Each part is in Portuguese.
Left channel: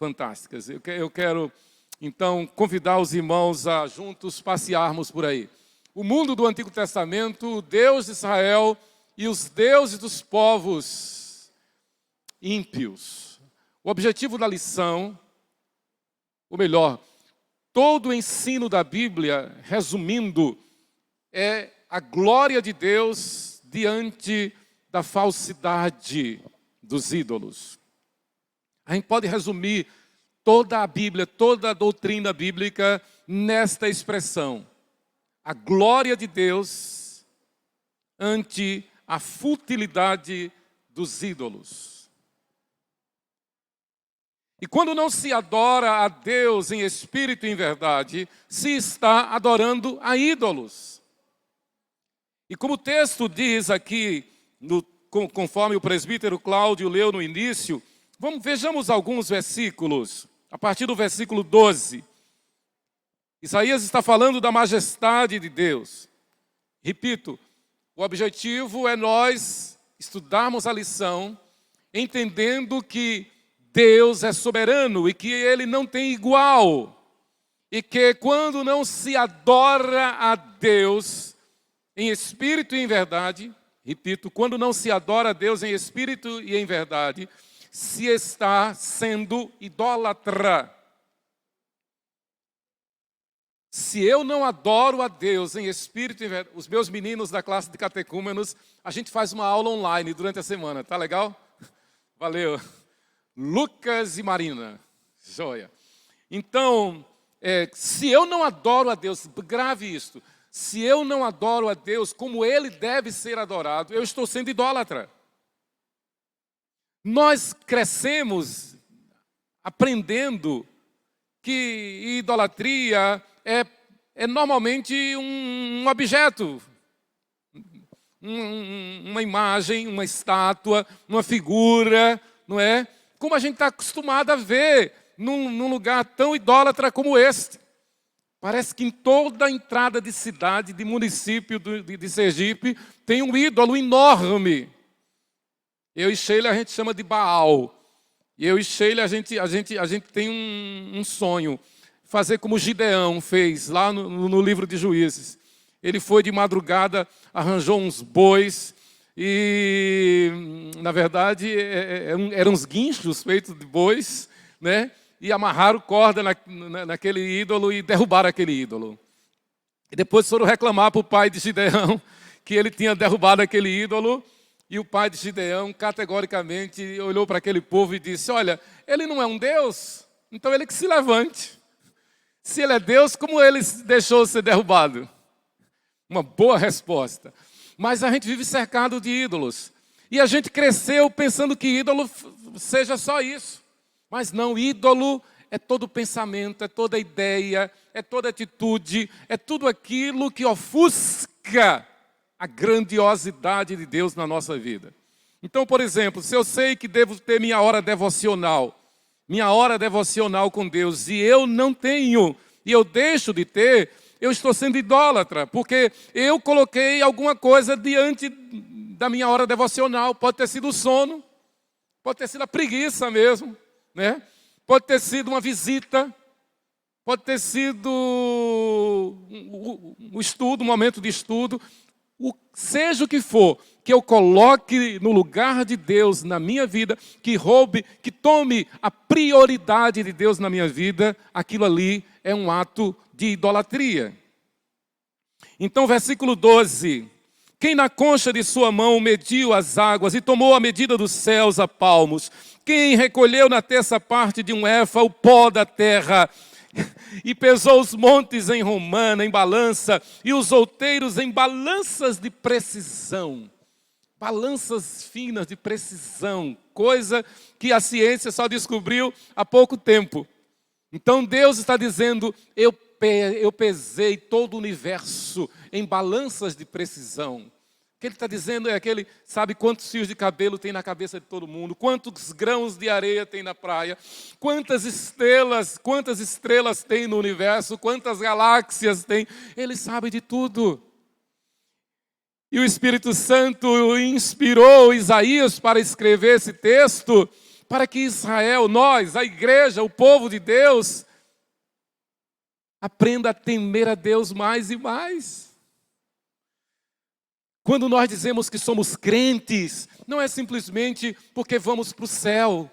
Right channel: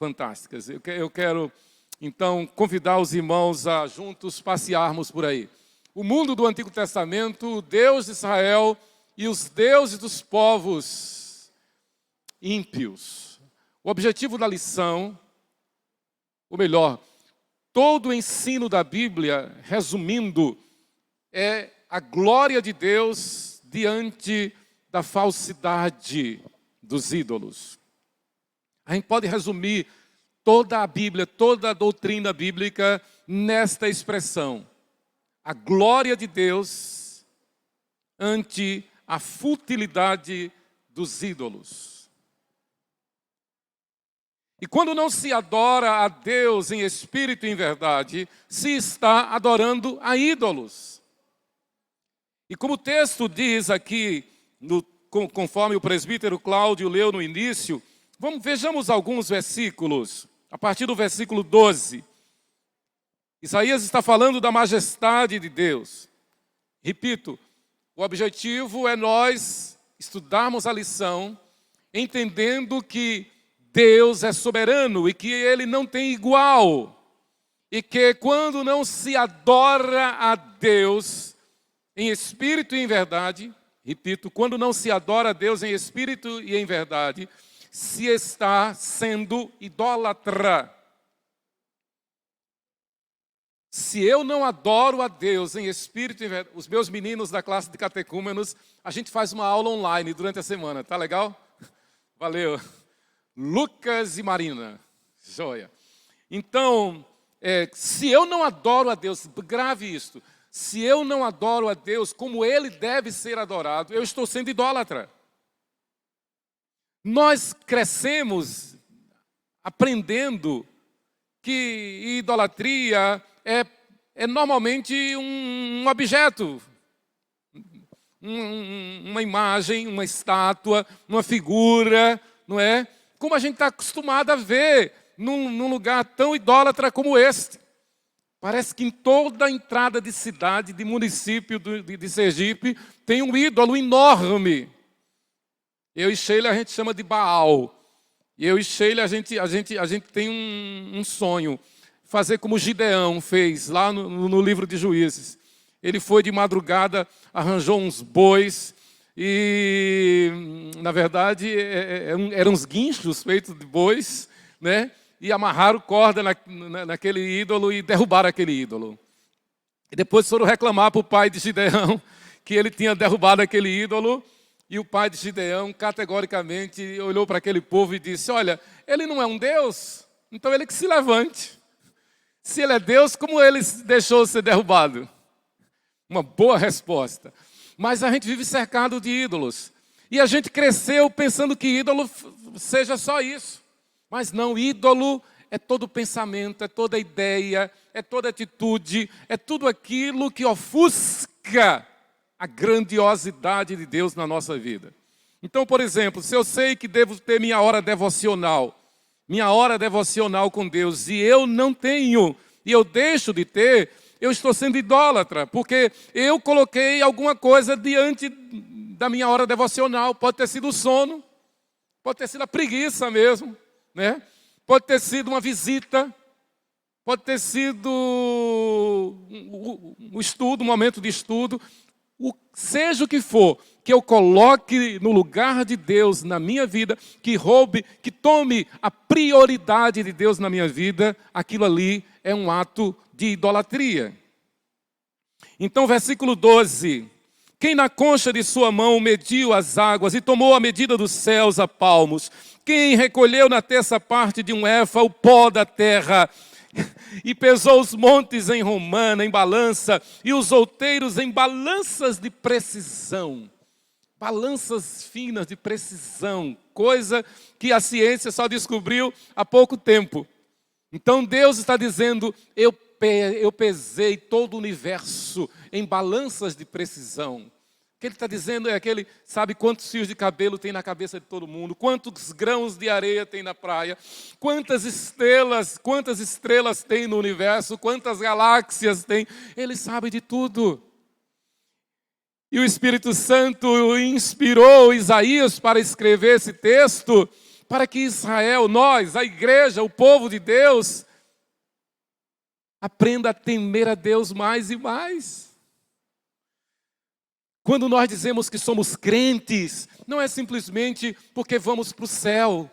fantásticas. Eu quero, então, convidar os irmãos a juntos passearmos por aí. O mundo do Antigo Testamento, o Deus de Israel e os deuses dos povos ímpios. O objetivo da lição, ou melhor, todo o ensino da Bíblia, resumindo, é a glória de Deus diante da falsidade dos ídolos. A gente pode resumir toda a Bíblia, toda a doutrina bíblica nesta expressão: a glória de Deus ante a futilidade dos ídolos. E quando não se adora a Deus em espírito e em verdade, se está adorando a ídolos. E como o texto diz aqui, conforme o presbítero Cláudio leu no início, vejamos alguns versículos, a partir do versículo 12. Isaías está falando da majestade de Deus. Repito, o objetivo é nós estudarmos a lição, entendendo que Deus é soberano e que Ele não tem igual. E que quando não se adora a Deus em espírito e em verdade, repito, quando não se adora a Deus em espírito e em verdade, se está sendo idólatra. Se eu não adoro a Deus em espírito e em verdade, os meus meninos da classe de catecúmenos, a gente faz uma aula online durante a semana, tá legal? Valeu. Lucas e Marina, joia. Então, se eu não adoro a Deus, grave isto, se eu não adoro a Deus como Ele deve ser adorado, eu estou sendo idólatra. Nós crescemos aprendendo que idolatria é normalmente um objeto, uma imagem, uma estátua, uma figura, não é? Como a gente está acostumado a ver num lugar tão idólatra como este. Parece que em toda a entrada de cidade, de município de Sergipe, tem um ídolo enorme. Eu e Sheila a gente chama de Baal. E eu e Sheila a gente tem um sonho. Fazer como Gideão fez lá no livro de Juízes. Ele foi de madrugada, arranjou uns bois e, na verdade, eram uns guinchos feitos de bois, né? E amarraram corda naquele ídolo e derrubaram aquele ídolo. E depois foram reclamar para o pai de Gideão que ele tinha derrubado aquele ídolo. E o pai de Gideão, categoricamente, olhou para aquele povo e disse: olha, ele não é um Deus, então ele que se levante. Se ele é Deus, como ele deixou ser derrubado? Uma boa resposta. Mas a gente vive cercado de ídolos. E a gente cresceu pensando que ídolo seja só isso. Mas não, ídolo é todo pensamento, é toda ideia, é toda atitude, é tudo aquilo que ofusca a grandiosidade de Deus na nossa vida. Então, por exemplo, se eu sei que devo ter minha hora devocional com Deus, e eu não tenho, e eu deixo de ter, eu estou sendo idólatra, porque eu coloquei alguma coisa diante da minha hora devocional. Pode ter sido o sono, pode ter sido a preguiça mesmo, né? Pode ter sido uma visita, pode ter sido o estudo, um momento de estudo, seja o que for, que eu coloque no lugar de Deus na minha vida, que roube, que tome a prioridade de Deus na minha vida, aquilo ali é um ato de idolatria. Então, versículo 12: quem na concha de sua mão mediu as águas e tomou a medida dos céus a palmos, quem recolheu na terça parte de um éfa o pó da terra, e pesou os montes em romana, em balança, e os outeiros em balanças de precisão. Balanças finas de precisão, coisa que a ciência só descobriu há pouco tempo. Então Deus está dizendo: eu pesei todo o universo em balanças de precisão. O que ele está dizendo é aquele, sabe quantos fios de cabelo tem na cabeça de todo mundo, quantos grãos de areia tem na praia, quantas estrelas tem no universo, quantas galáxias tem, ele sabe de tudo. E o Espírito Santo inspirou Isaías para escrever esse texto, para que Israel, nós, a igreja, o povo de Deus, aprenda a temer a Deus mais e mais. Quando nós dizemos que somos crentes, não é simplesmente porque vamos para o céu.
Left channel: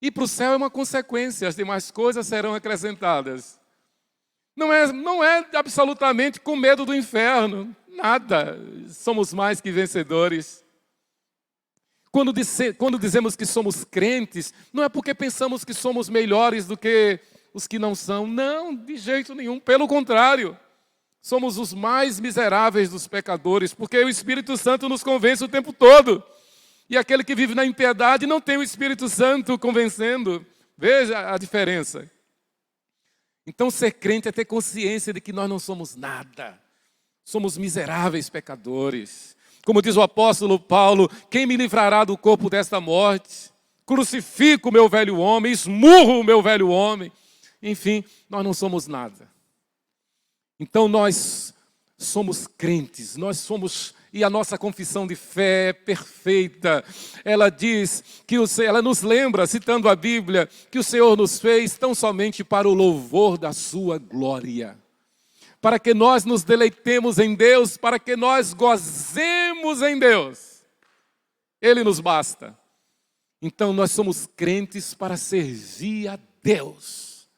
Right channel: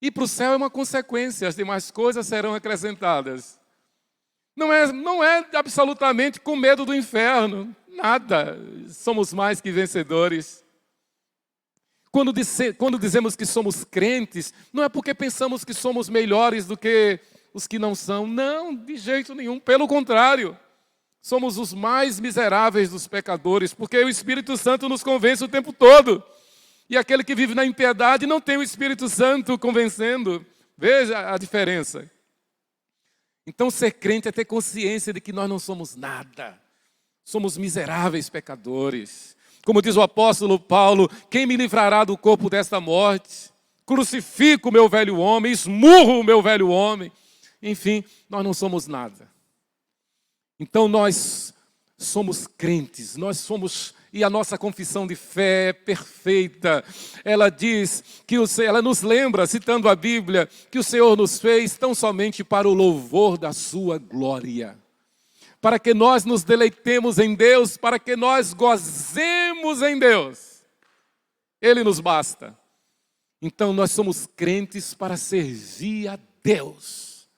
E para o céu é uma consequência, as demais coisas serão acrescentadas. Não é absolutamente com medo do inferno, nada, somos mais que vencedores. Quando dizemos que somos crentes, não é porque pensamos que somos melhores do que os que não são, não, de jeito nenhum, pelo contrário. Somos os mais miseráveis dos pecadores, porque o Espírito Santo nos convence o tempo todo. E aquele que vive na impiedade não tem o Espírito Santo convencendo. Veja a diferença. Então, ser crente é ter consciência de que nós não somos nada. Somos miseráveis pecadores. Como diz o apóstolo Paulo, quem me livrará do corpo desta morte? Crucifico o meu velho homem, esmurro o meu velho homem. Enfim, nós não somos nada. Então, nós somos crentes, e a nossa confissão de fé é perfeita. Ela diz que ela nos lembra, citando a Bíblia, que o Senhor nos fez tão somente para o louvor da sua glória. Para que nós nos deleitemos em Deus, para que nós gozemos em Deus. Ele nos basta. Então nós somos crentes para servir a Deus.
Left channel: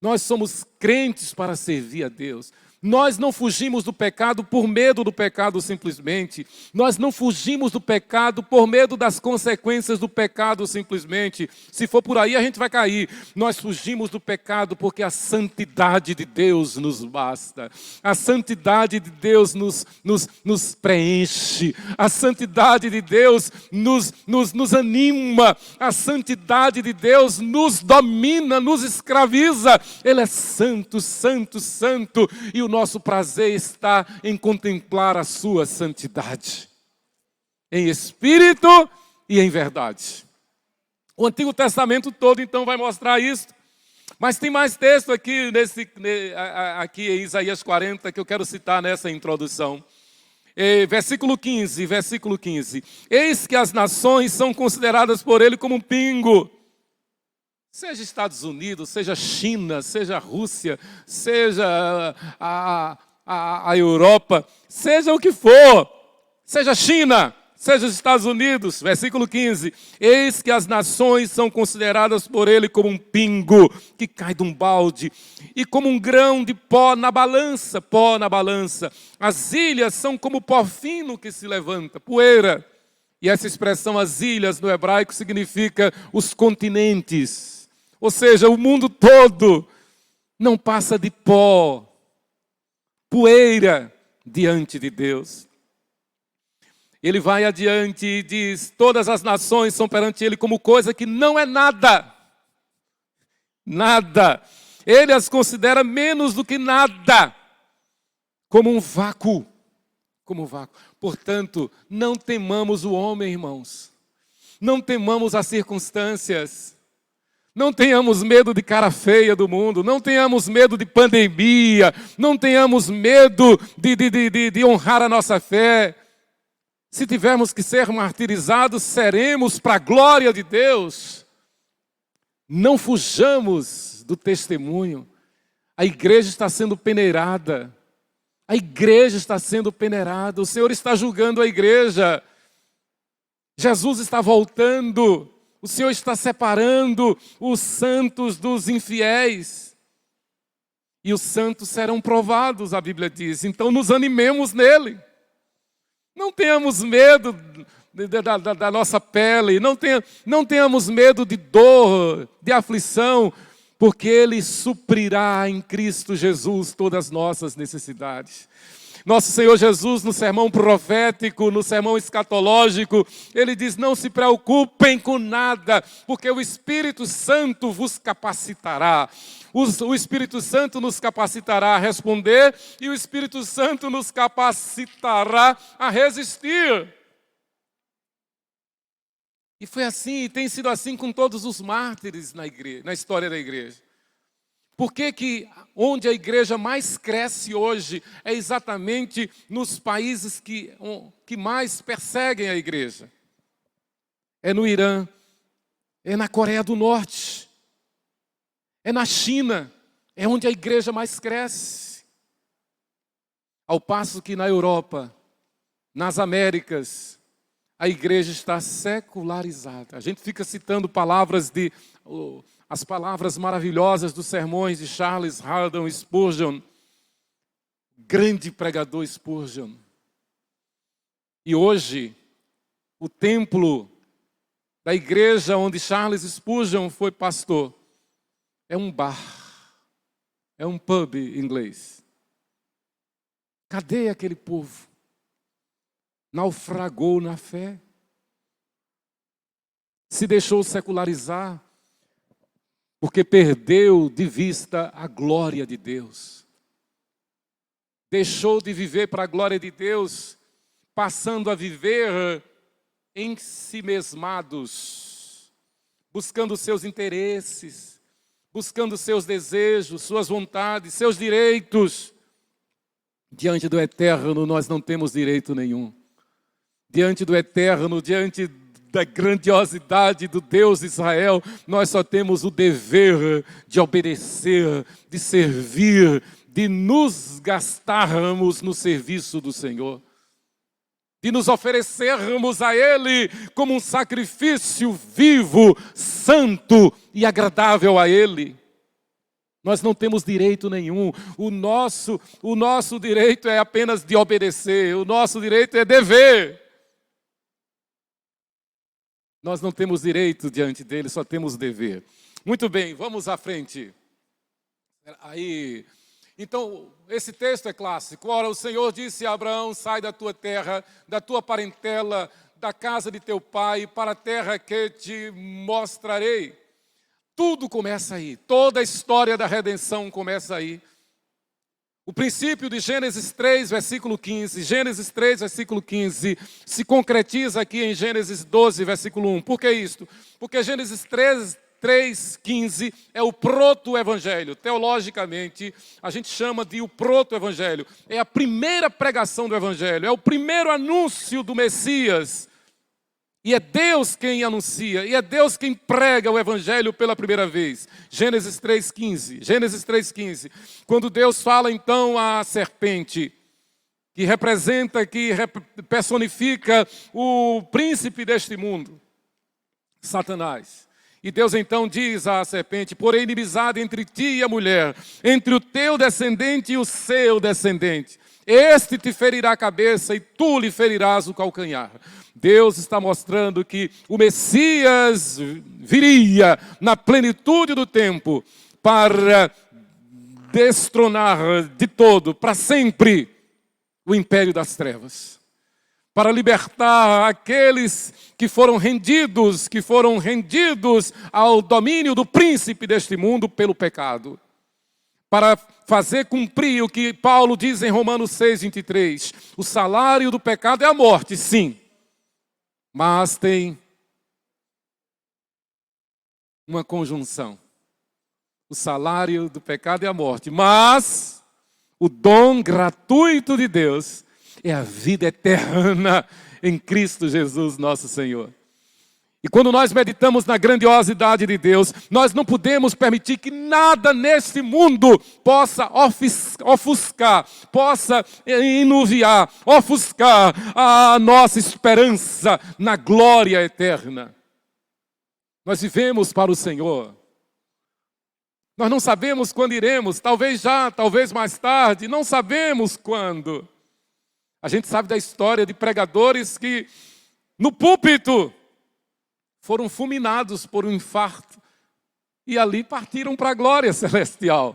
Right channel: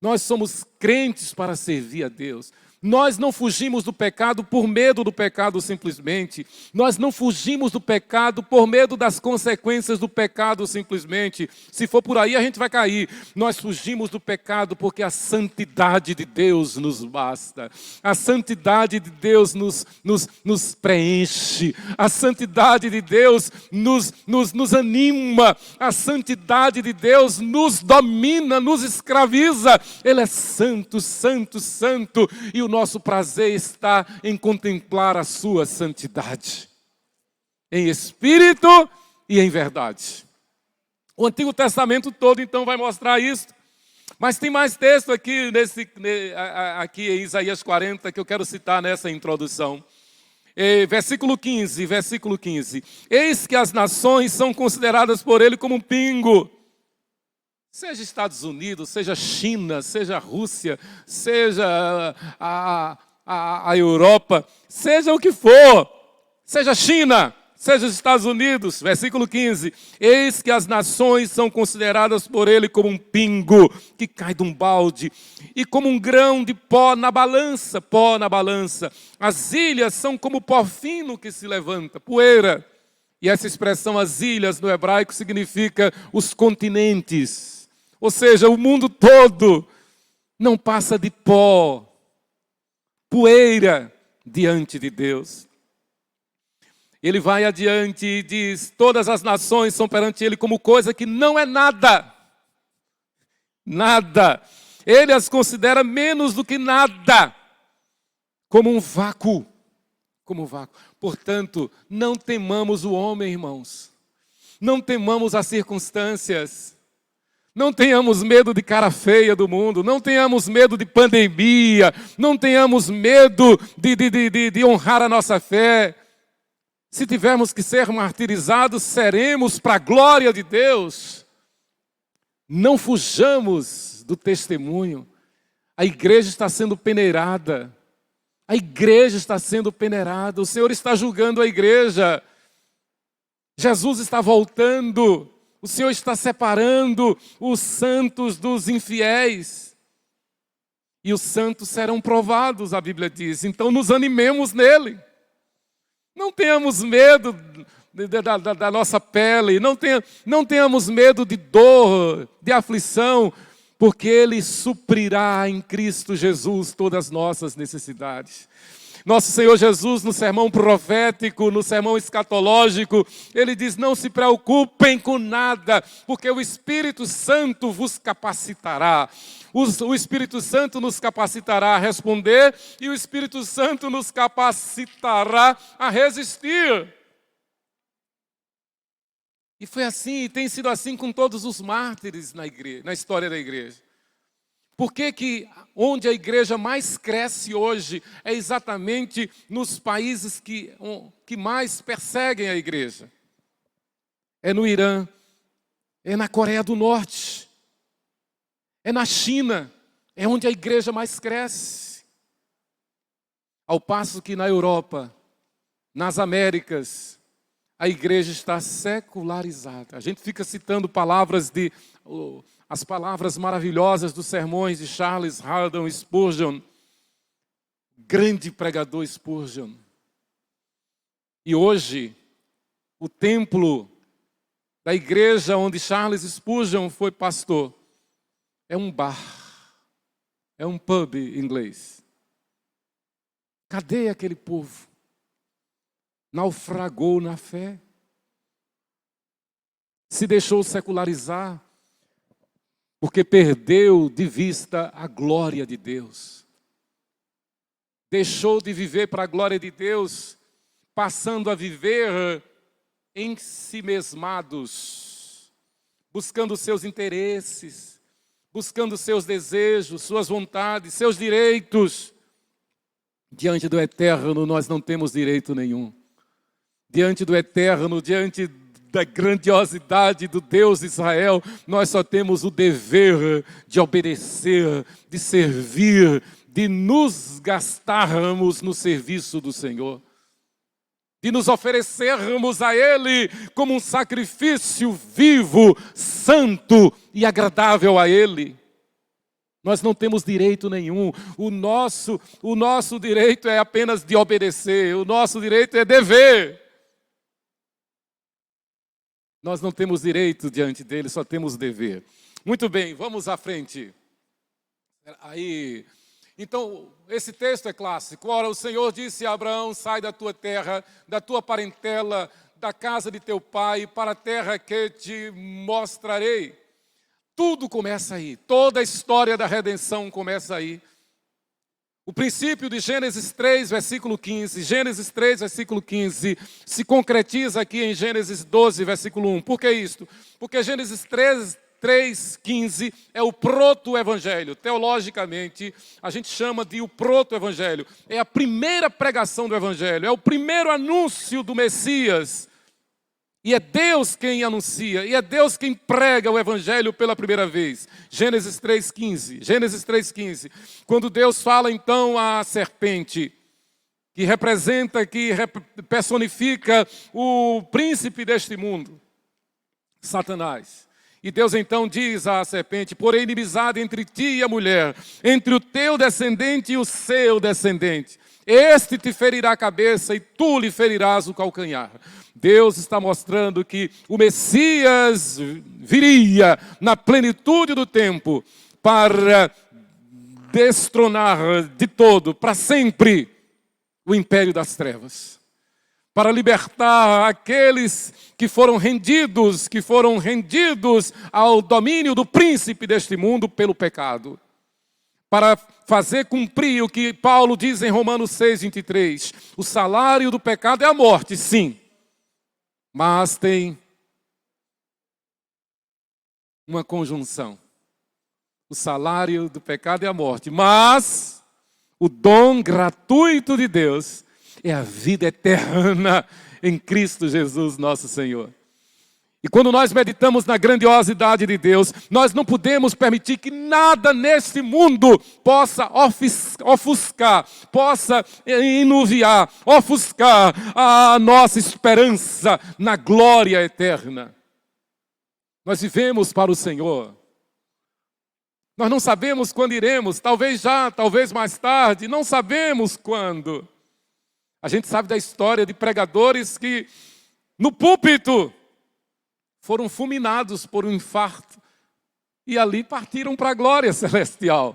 Nós somos crentes para servir a Deus. Nós não fugimos do pecado por medo do pecado simplesmente. Nós não fugimos do pecado por medo das consequências do pecado simplesmente. Se for por aí, a gente vai cair. Nós fugimos do pecado porque a santidade de Deus nos basta. A santidade de Deus nos preenche. A santidade de Deus nos anima. A santidade de Deus nos domina, nos escraviza. Ele é santo, santo, santo. E o nosso prazer está em contemplar a sua santidade, em espírito e em verdade. O Antigo Testamento todo, então, vai mostrar isso. Mas tem mais texto aqui, aqui em Isaías 40, que eu quero citar nessa introdução. Versículo 15. Eis que as nações são consideradas por ele como um pingo. Seja Estados Unidos, seja China, seja Rússia, seja a Europa, seja o que for, seja China, seja os Estados Unidos. Versículo 15. Eis que as nações são consideradas por ele como um pingo que cai de um balde e como um grão de pó na balança. As ilhas são como pó fino que se levanta, poeira. E essa expressão, as ilhas, no hebraico, significa os continentes. Ou seja, o mundo todo não passa de pó, poeira diante de Deus. Ele vai adiante e diz, todas as nações são perante ele como coisa que não é nada. Nada. Ele as considera menos do que nada, como um vácuo. Portanto, não temamos o homem, irmãos. Não temamos as circunstâncias. Não tenhamos medo de cara feia do mundo, não tenhamos medo de pandemia, não tenhamos medo de honrar a nossa fé. Se tivermos que ser martirizados, seremos para a glória de Deus. Não fujamos do testemunho. A igreja está sendo peneirada. O Senhor está julgando a igreja. Jesus está voltando. O Senhor está separando os santos dos infiéis. E os santos serão provados, a Bíblia diz. Então nos animemos nele. Não tenhamos medo da nossa pele. Não tenhamos medo de dor, de aflição. Porque Ele suprirá em Cristo Jesus todas as nossas necessidades. Nosso Senhor Jesus, no sermão profético, no sermão escatológico, Ele diz, não se preocupem com nada, porque o Espírito Santo vos capacitará. O Espírito Santo nos capacitará a responder e o Espírito Santo nos capacitará a resistir. E foi assim, e tem sido assim com todos os mártires na história da igreja. Por que onde a igreja mais cresce hoje é exatamente nos países que mais perseguem a igreja? é no Irã, é na Coreia do Norte, é na China, é onde a igreja mais cresce. Ao passo que na Europa, nas Américas, a igreja está secularizada. A gente fica citando as palavras maravilhosas dos sermões de Charles Haddon Spurgeon, grande pregador Spurgeon. E hoje, o templo da igreja onde Charles Spurgeon foi pastor é um bar, é um pub em inglês. Cadê aquele povo? Naufragou na fé, se deixou secularizar, porque perdeu de vista a glória de Deus. Deixou de viver para a glória de Deus, passando a viver em si mesmados, buscando seus interesses, buscando seus desejos, suas vontades, seus direitos. Diante do eterno nós não temos direito nenhum. Diante do eterno, diante da grandiosidade do Deus de Israel, nós só temos o dever de obedecer, de servir, de nos gastarmos no serviço do Senhor, de nos oferecermos a Ele como um sacrifício vivo, santo e agradável a Ele. Nós não temos direito nenhum. O nosso direito é apenas de obedecer. O nosso direito é dever. Nós não temos direito diante dele, só temos dever. Muito bem, vamos à frente. Então, esse texto é clássico. Ora, o Senhor disse a Abraão: sai da tua terra, da tua parentela, da casa de teu pai, para a terra que te mostrarei. Tudo começa aí. Toda a história da redenção começa aí. O princípio de Gênesis 3, versículo 15. Gênesis 3, versículo 15, se concretiza aqui em Gênesis 12, versículo 1. Por que isto? Porque Gênesis 3:15 é o proto-evangelho. Teologicamente, a gente chama de o proto-evangelho. É a primeira pregação do evangelho, é o primeiro anúncio do Messias. E é Deus quem anuncia, e é Deus quem prega o evangelho pela primeira vez. Gênesis 3:15. Gênesis 3:15. Quando Deus fala então à serpente, que personifica o príncipe deste mundo, Satanás. E Deus então diz à serpente: porém inimizade entre ti e a mulher, entre o teu descendente e o seu descendente. Este te ferirá a cabeça e tu lhe ferirás o calcanhar. Deus está mostrando que o Messias viria na plenitude do tempo para destronar de todo, para sempre, o império das trevas. Para libertar aqueles que foram rendidos ao domínio do príncipe deste mundo pelo pecado. Para fazer cumprir o que Paulo diz em Romanos 6:23. O salário do pecado é a morte, sim. Mas tem uma conjunção. O salário do pecado é a morte, mas o dom gratuito de Deus é a vida eterna em Cristo Jesus, nosso Senhor. E quando nós meditamos na grandiosidade de Deus, nós não podemos permitir que nada neste mundo possa ofuscar, possa enuviar, ofuscar a nossa esperança na glória eterna. Nós vivemos para o Senhor. Nós não sabemos quando iremos, talvez já, talvez mais tarde, não sabemos quando. A gente sabe da história de pregadores que no púlpito foram fulminados por um infarto e ali partiram para a glória celestial.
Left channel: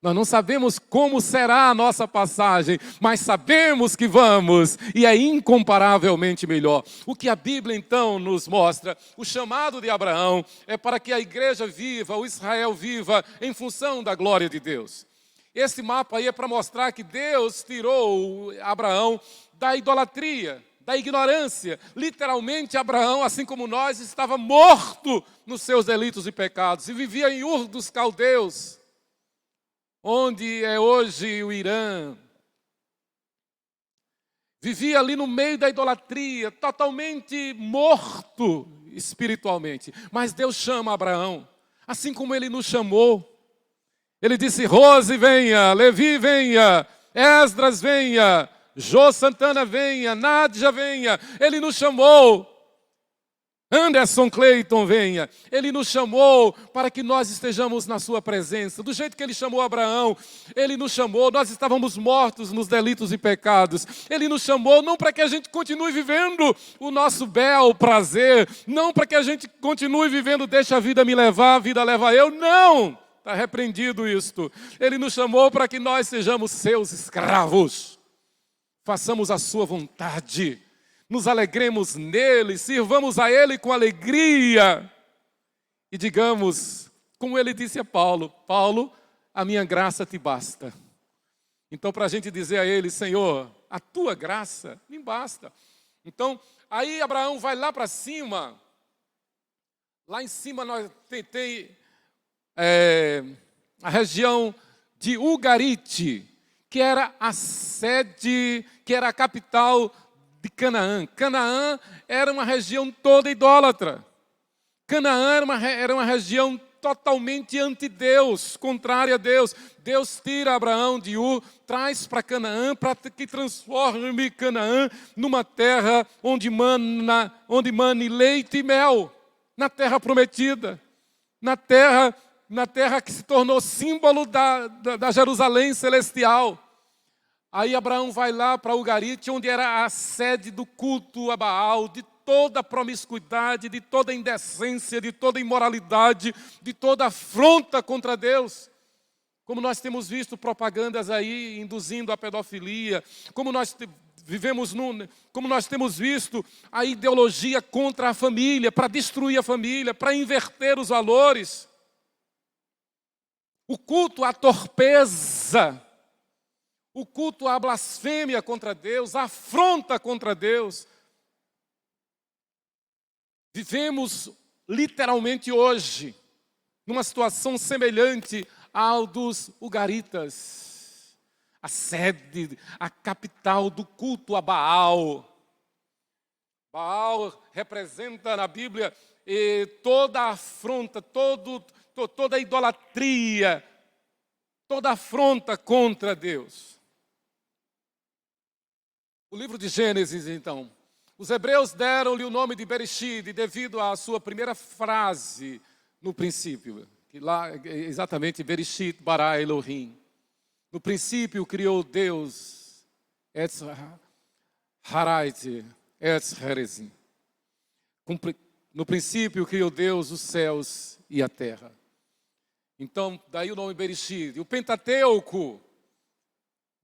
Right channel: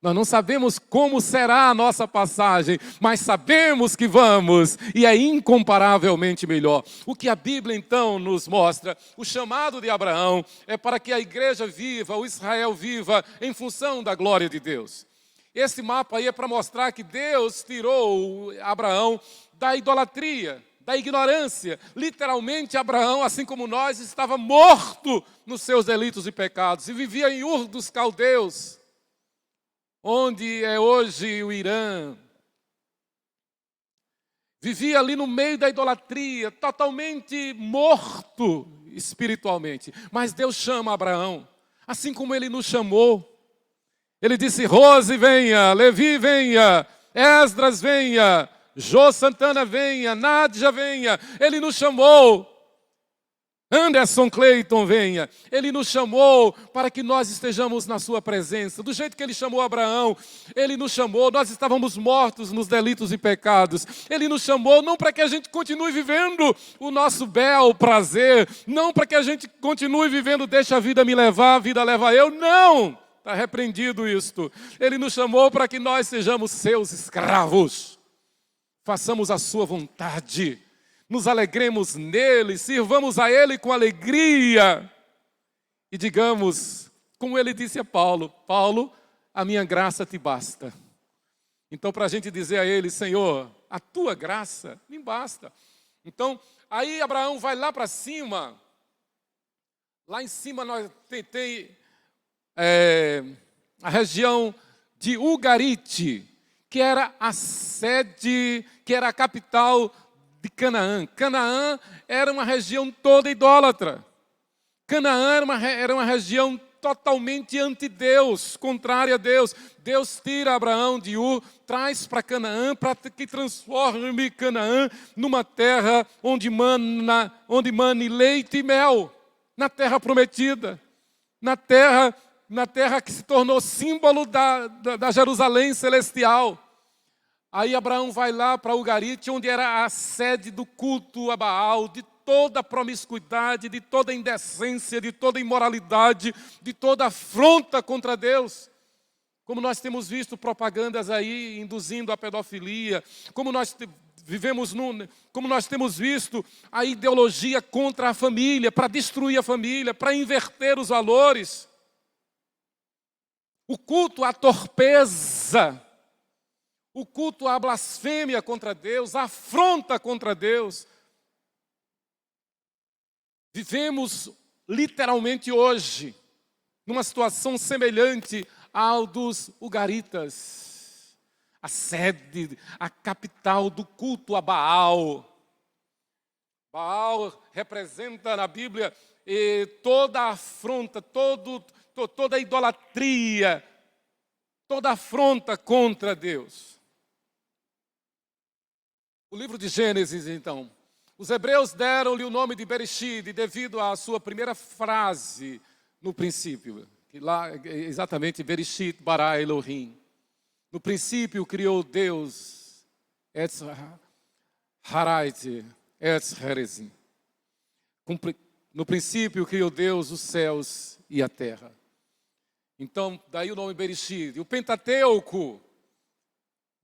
Nós não sabemos como será a nossa passagem, mas sabemos que vamos, e é incomparavelmente melhor. O que a Bíblia então nos mostra, o chamado de Abraão é para que a igreja viva, o Israel viva em função da glória de Deus. Esse mapa aí é para mostrar que Deus tirou Abraão da idolatria, da ignorância. Literalmente, Abraão, assim como nós, estava morto nos seus delitos e pecados e vivia em Ur dos Caldeus, onde é hoje o Irã. vivia ali no meio da idolatria, totalmente morto espiritualmente. Mas Deus chama Abraão, assim como Ele nos chamou. Ele disse: Rose venha, Levi venha, Esdras venha, Jô Santana venha, Nádia venha. Ele nos chamou. Anderson Clayton venha. Ele nos chamou para que nós estejamos na sua presença. Do jeito que Ele chamou Abraão, Ele nos chamou. Nós estávamos mortos nos delitos e pecados. Ele nos chamou não para que a gente continue vivendo o nosso bel prazer, não para que a gente continue vivendo deixa a vida me levar, a vida leva eu, não. Está repreendido isto. Ele nos chamou para que nós sejamos seus escravos. Façamos a sua vontade. Nos alegremos nele, sirvamos a ele com alegria. E digamos, como ele disse a Paulo: Paulo, a minha graça te basta. Então, para a gente dizer a ele: Senhor, a tua graça me basta. Então, aí Abraão vai lá para cima. Lá em cima nós tem a região de Ugarite, que era a sede, que era a capital de Canaã. Canaã era uma região toda idólatra. Canaã era uma região totalmente anti-Deus, contrária a Deus. Deus tira Abraão de Ur, traz para Canaã, para que transforme Canaã numa terra onde mane leite e mel, na terra prometida, na terra que se tornou símbolo da Jerusalém celestial. Aí Abraão vai lá para Ugarite, onde era a sede do culto a Baal, de toda a promiscuidade, de toda a indecência, de toda a imoralidade, de toda a afronta contra Deus. Como nós temos visto propagandas aí induzindo a pedofilia, como nós temos visto a ideologia contra a família, para destruir a família, para inverter os valores. O culto à torpeza, o culto à blasfêmia contra Deus, a afronta contra Deus. Vivemos literalmente hoje numa situação semelhante ao dos Ugaritas, a sede, a capital do culto a Baal. Baal representa na Bíblia toda a afronta, toda a idolatria, toda a afronta contra Deus. O livro de Gênesis, então. Os hebreus deram-lhe o nome de Bereshit devido à sua primeira frase no princípio. Que lá é exatamente Bereshit bara Elohim. No princípio criou Deus Etz Harait Etz Herezim. No princípio criou Deus os céus e a terra. Então, daí o nome Bereshit. O Pentateuco,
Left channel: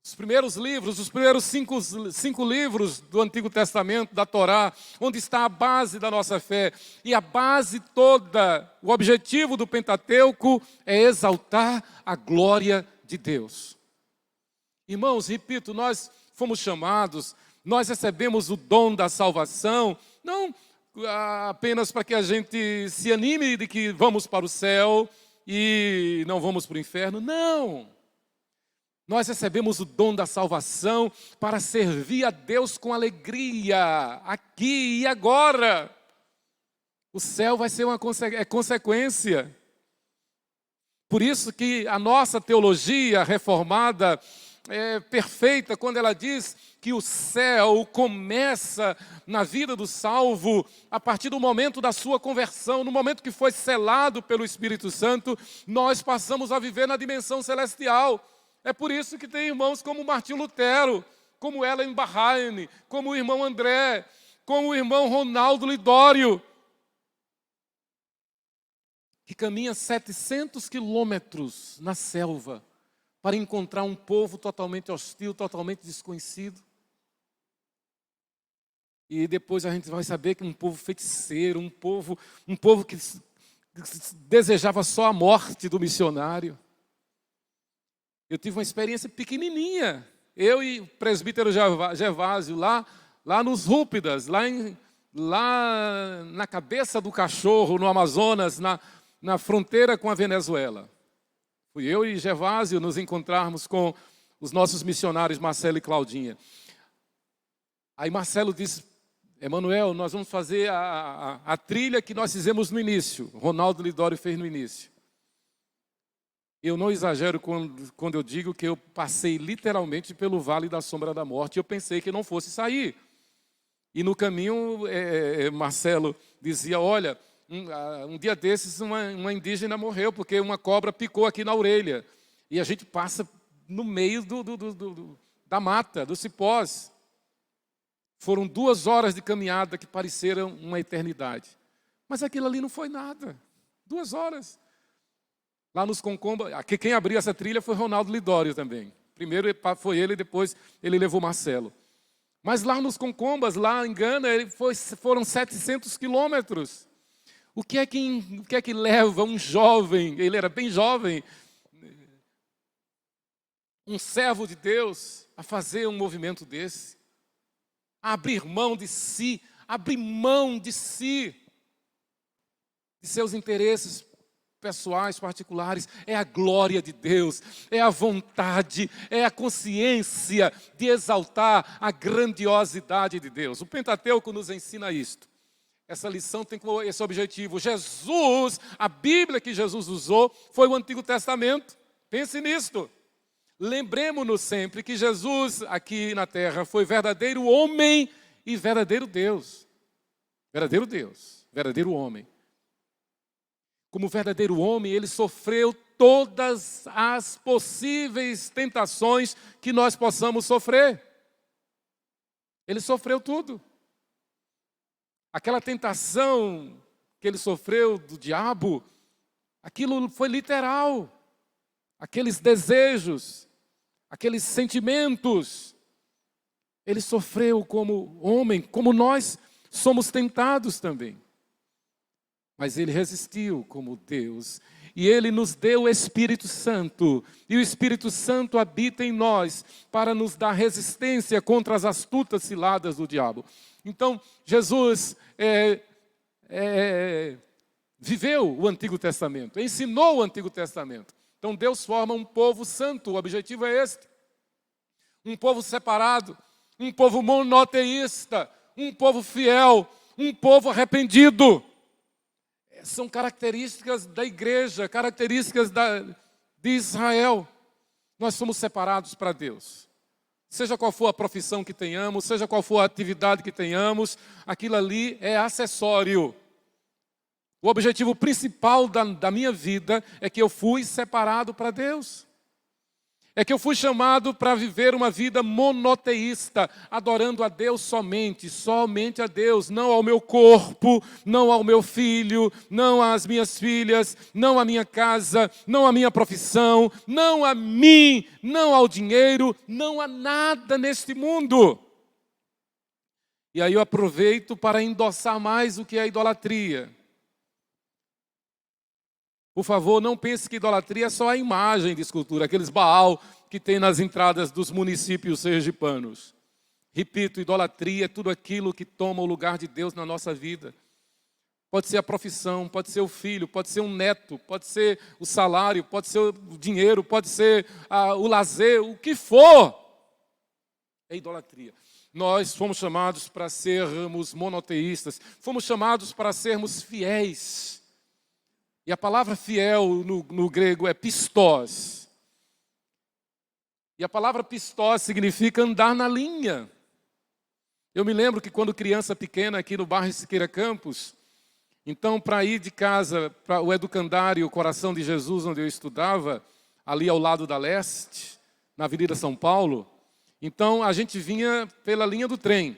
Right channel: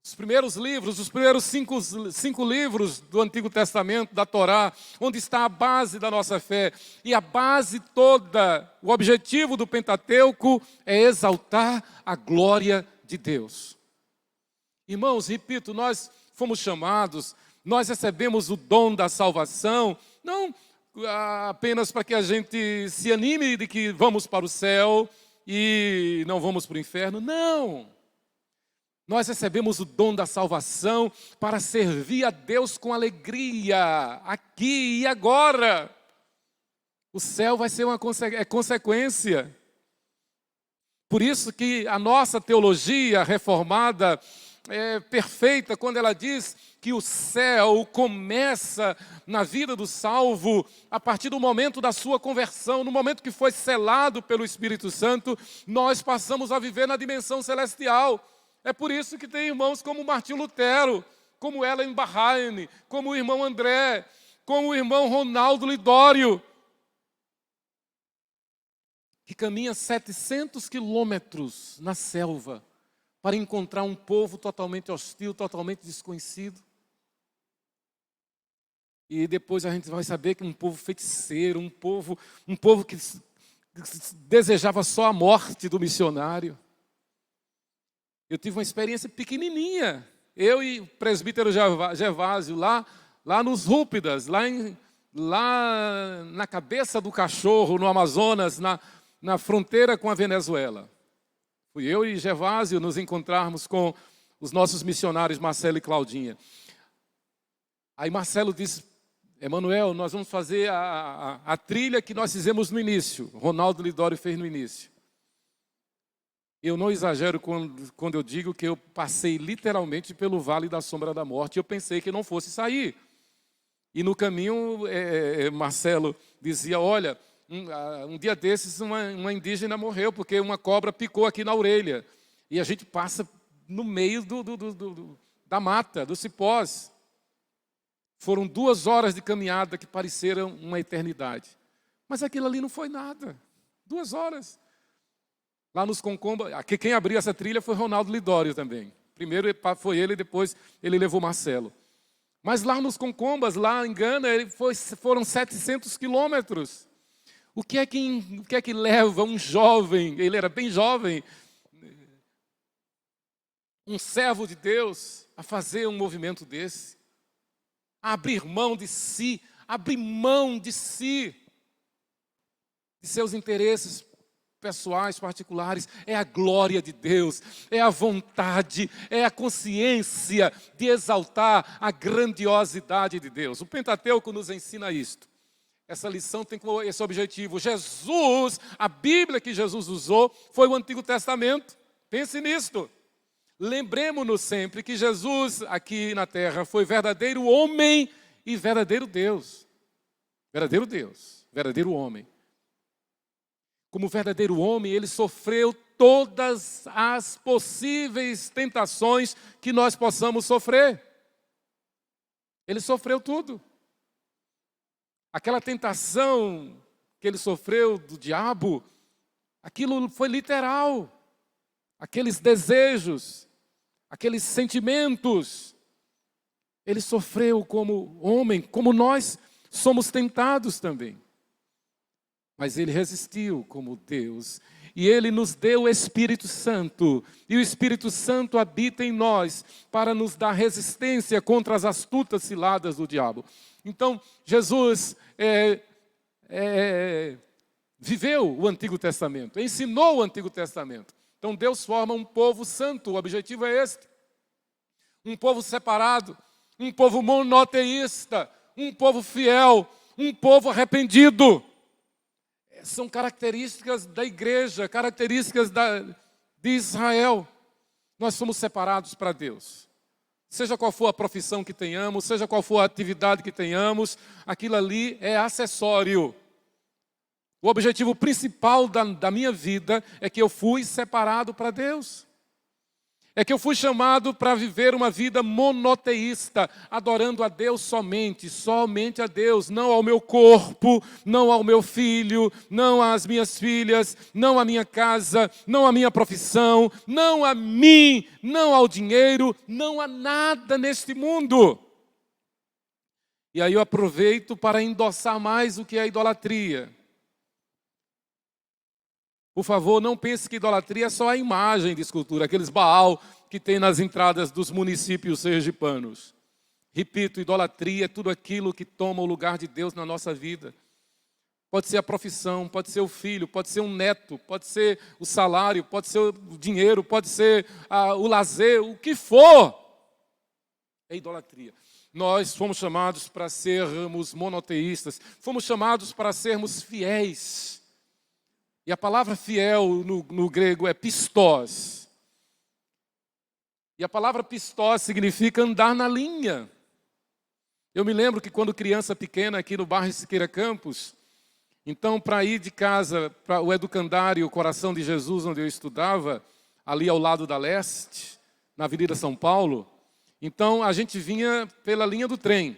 os primeiros livros, os primeiros cinco livros do Antigo Testamento, da Torá, onde está a base da nossa fé. E a base toda, o objetivo do Pentateuco é exaltar a glória de Deus. Irmãos, repito, nós fomos chamados, nós recebemos o dom da salvação, não apenas para que a gente se anime de que vamos para o céu e não vamos para o inferno, não. Nós recebemos o dom da salvação para servir a Deus com alegria, aqui e agora. O céu vai ser uma consequência. Por isso que a nossa teologia reformada é perfeita quando ela diz que o céu começa na vida do salvo a partir do momento da sua conversão, no momento que foi selado pelo Espírito Santo, nós passamos a viver na dimensão celestial. É por isso que tem irmãos como Martinho Lutero, como Ellen Bahrain, como o irmão André, como o irmão Ronaldo Lidório, que caminha 700 quilômetros na selva para encontrar um povo totalmente hostil, totalmente desconhecido. E depois a gente vai saber que um povo feiticeiro, um povo que desejava só a morte do missionário. Eu tive uma experiência pequenininha, eu e o presbítero Gervásio, lá nos Rúpidas, lá na cabeça do cachorro, no Amazonas, na fronteira com a Venezuela. Fui eu e Gervásio nos encontrarmos com os nossos missionários Marcelo e Claudinha. Aí Marcelo disse, Emanuel, nós vamos fazer a trilha que nós fizemos no início. Ronaldo Lidório fez no início. Eu não exagero quando eu digo que eu passei literalmente pelo vale da sombra da morte. Eu pensei que não fosse sair. E no caminho, Marcelo dizia, olha, um dia desses uma indígena morreu porque uma cobra picou aqui na orelha. E a gente passa no meio da mata, dos cipós. Foram 2 horas de caminhada que pareceram uma eternidade. Mas aquilo ali não foi nada. 2 horas. Lá nos Concombas, quem abriu essa trilha foi Ronaldo Lidório também. Primeiro foi ele, depois ele levou Marcelo. Mas lá nos Concombas, lá em Gana, foram 700 quilômetros. O que é que leva um jovem, ele era bem jovem, um servo de Deus, a fazer um movimento desse? A abrir mão de si, de seus interesses pessoais, particulares. É a glória de Deus, é a vontade, é a consciência de exaltar a grandiosidade de Deus. O Pentateuco nos ensina isto. Essa lição tem esse objetivo. Jesus, a Bíblia que Jesus usou foi o Antigo Testamento. Pense nisto. Lembremos-nos sempre que Jesus aqui na terra foi verdadeiro homem e verdadeiro Deus. Verdadeiro Deus, verdadeiro homem. Como verdadeiro homem, ele sofreu todas as possíveis tentações que nós possamos sofrer. Ele sofreu tudo. Aquela tentação que ele sofreu do diabo, aquilo foi literal. Aqueles desejos, aqueles sentimentos, ele sofreu como homem, como nós somos tentados também. Mas ele resistiu como Deus. E ele nos deu o Espírito Santo. E o Espírito Santo habita em nós para nos dar resistência contra as astutas ciladas do diabo. Então, Jesus viveu o Antigo Testamento, ensinou o Antigo Testamento. Então Deus forma um povo santo, o objetivo é este. Um povo separado, um povo monoteísta, um povo fiel, um povo arrependido. São características da igreja, características de Israel. Nós somos separados para Deus. Seja qual for a profissão que tenhamos, seja qual for a atividade que tenhamos, aquilo ali é acessório. O objetivo principal da minha vida é que eu fui separado para Deus. É que eu fui chamado para viver uma vida monoteísta, adorando a Deus somente a Deus, não ao meu corpo, não ao meu filho, não às minhas filhas, não à minha casa, não à minha profissão, não a mim, não ao dinheiro, não a nada neste mundo. E aí eu aproveito para endossar mais o que é a idolatria. Por favor, não pense que idolatria é só a imagem de escultura, aqueles Baal que tem nas entradas dos municípios sergipanos. Repito, idolatria é tudo aquilo que toma o lugar de Deus na nossa vida. Pode ser a profissão, pode ser o filho, pode ser um neto, pode ser o salário, pode ser o dinheiro, pode ser o lazer, o que for. É idolatria. Nós fomos chamados para sermos monoteístas, fomos chamados para sermos fiéis. E a palavra fiel no grego é pistós. E a palavra pistós significa andar na linha. Eu me lembro que quando criança pequena aqui no bairro Siqueira Campos, então para ir de casa para o educandário o Coração de Jesus, onde eu estudava, ali ao lado da Leste, na Avenida São Paulo, então a gente vinha pela linha do trem.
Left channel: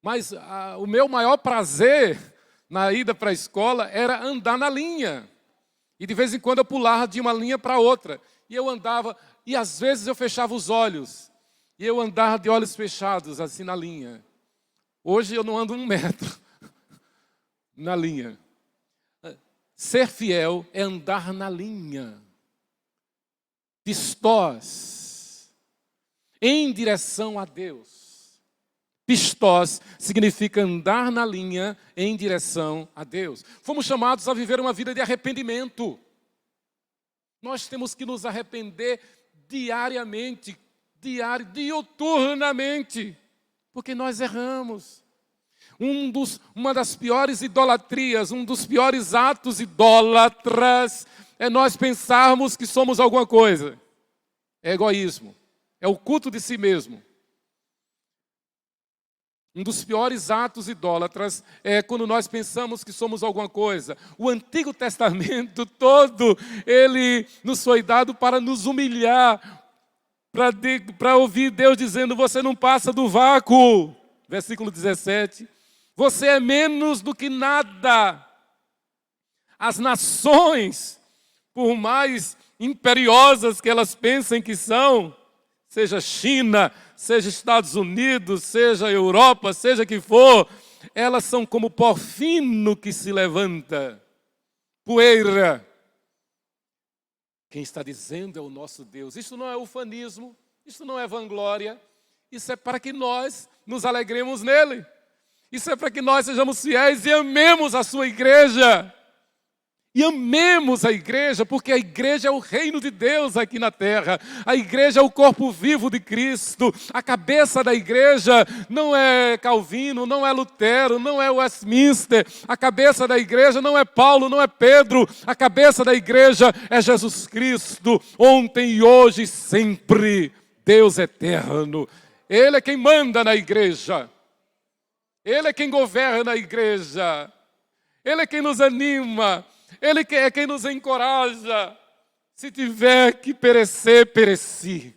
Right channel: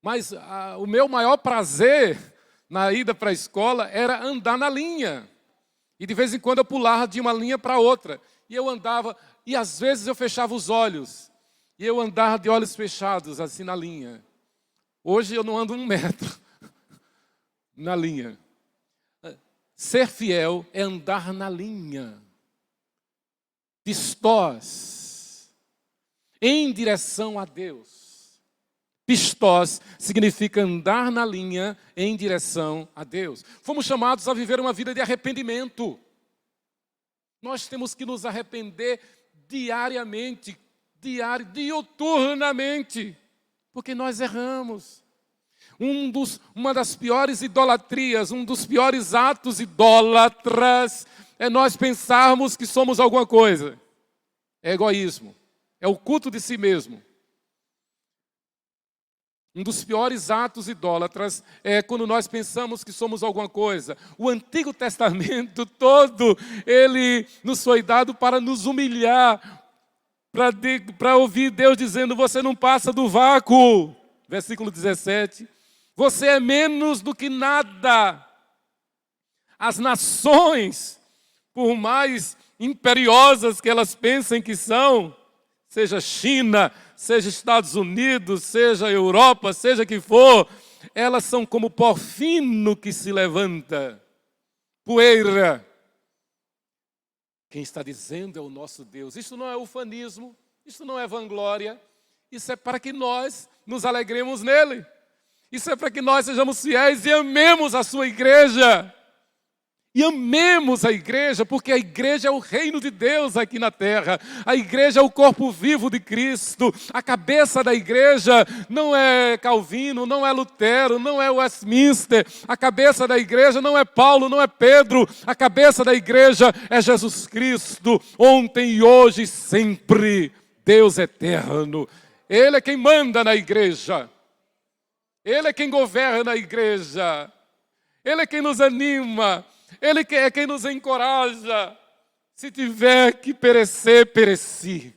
Mas o meu maior prazer na ida para a escola era andar na linha. E de vez em quando eu pulava de uma linha para outra. E eu andava, e às vezes eu fechava os olhos. E eu andava de olhos fechados, assim na linha. Hoje eu não ando 1 metro na linha. Ser fiel é andar na linha. Pistós. Em direção a Deus. Pistós significa andar na linha em direção a Deus. Fomos chamados a viver uma vida de arrependimento. Nós temos que nos arrepender diariamente, diuturnamente. Porque nós erramos. Uma das piores idolatrias, um dos piores atos idólatras é nós pensarmos que somos alguma coisa. É egoísmo. É o culto de si mesmo. Um dos piores atos idólatras é quando nós pensamos que somos alguma coisa. O Antigo Testamento todo, ele nos foi dado para nos humilhar, para ouvir Deus dizendo, você não passa do vácuo. Versículo 17. Você é menos do que nada. As nações, por mais imperiosas que elas pensem que são, seja China, seja Estados Unidos, seja Europa, seja que for, elas são como pó fino que se levanta, poeira. Quem está dizendo é o nosso Deus. Isso não é ufanismo, isso não é vanglória, isso é para que nós nos alegremos nele. Isso é para que nós sejamos fiéis e amemos a sua igreja. E amemos a igreja, porque a igreja é o reino de Deus aqui na terra. A igreja é o corpo vivo de Cristo. A cabeça da igreja não é Calvino, não é Lutero, não é Westminster. A cabeça da igreja não é Paulo, não é Pedro. A cabeça da igreja é Jesus Cristo, ontem e hoje e sempre. Deus eterno. Ele é quem manda na igreja. Ele é quem governa a igreja. Ele é quem nos anima. Ele é quem nos encoraja. Se tiver que perecer, pereci.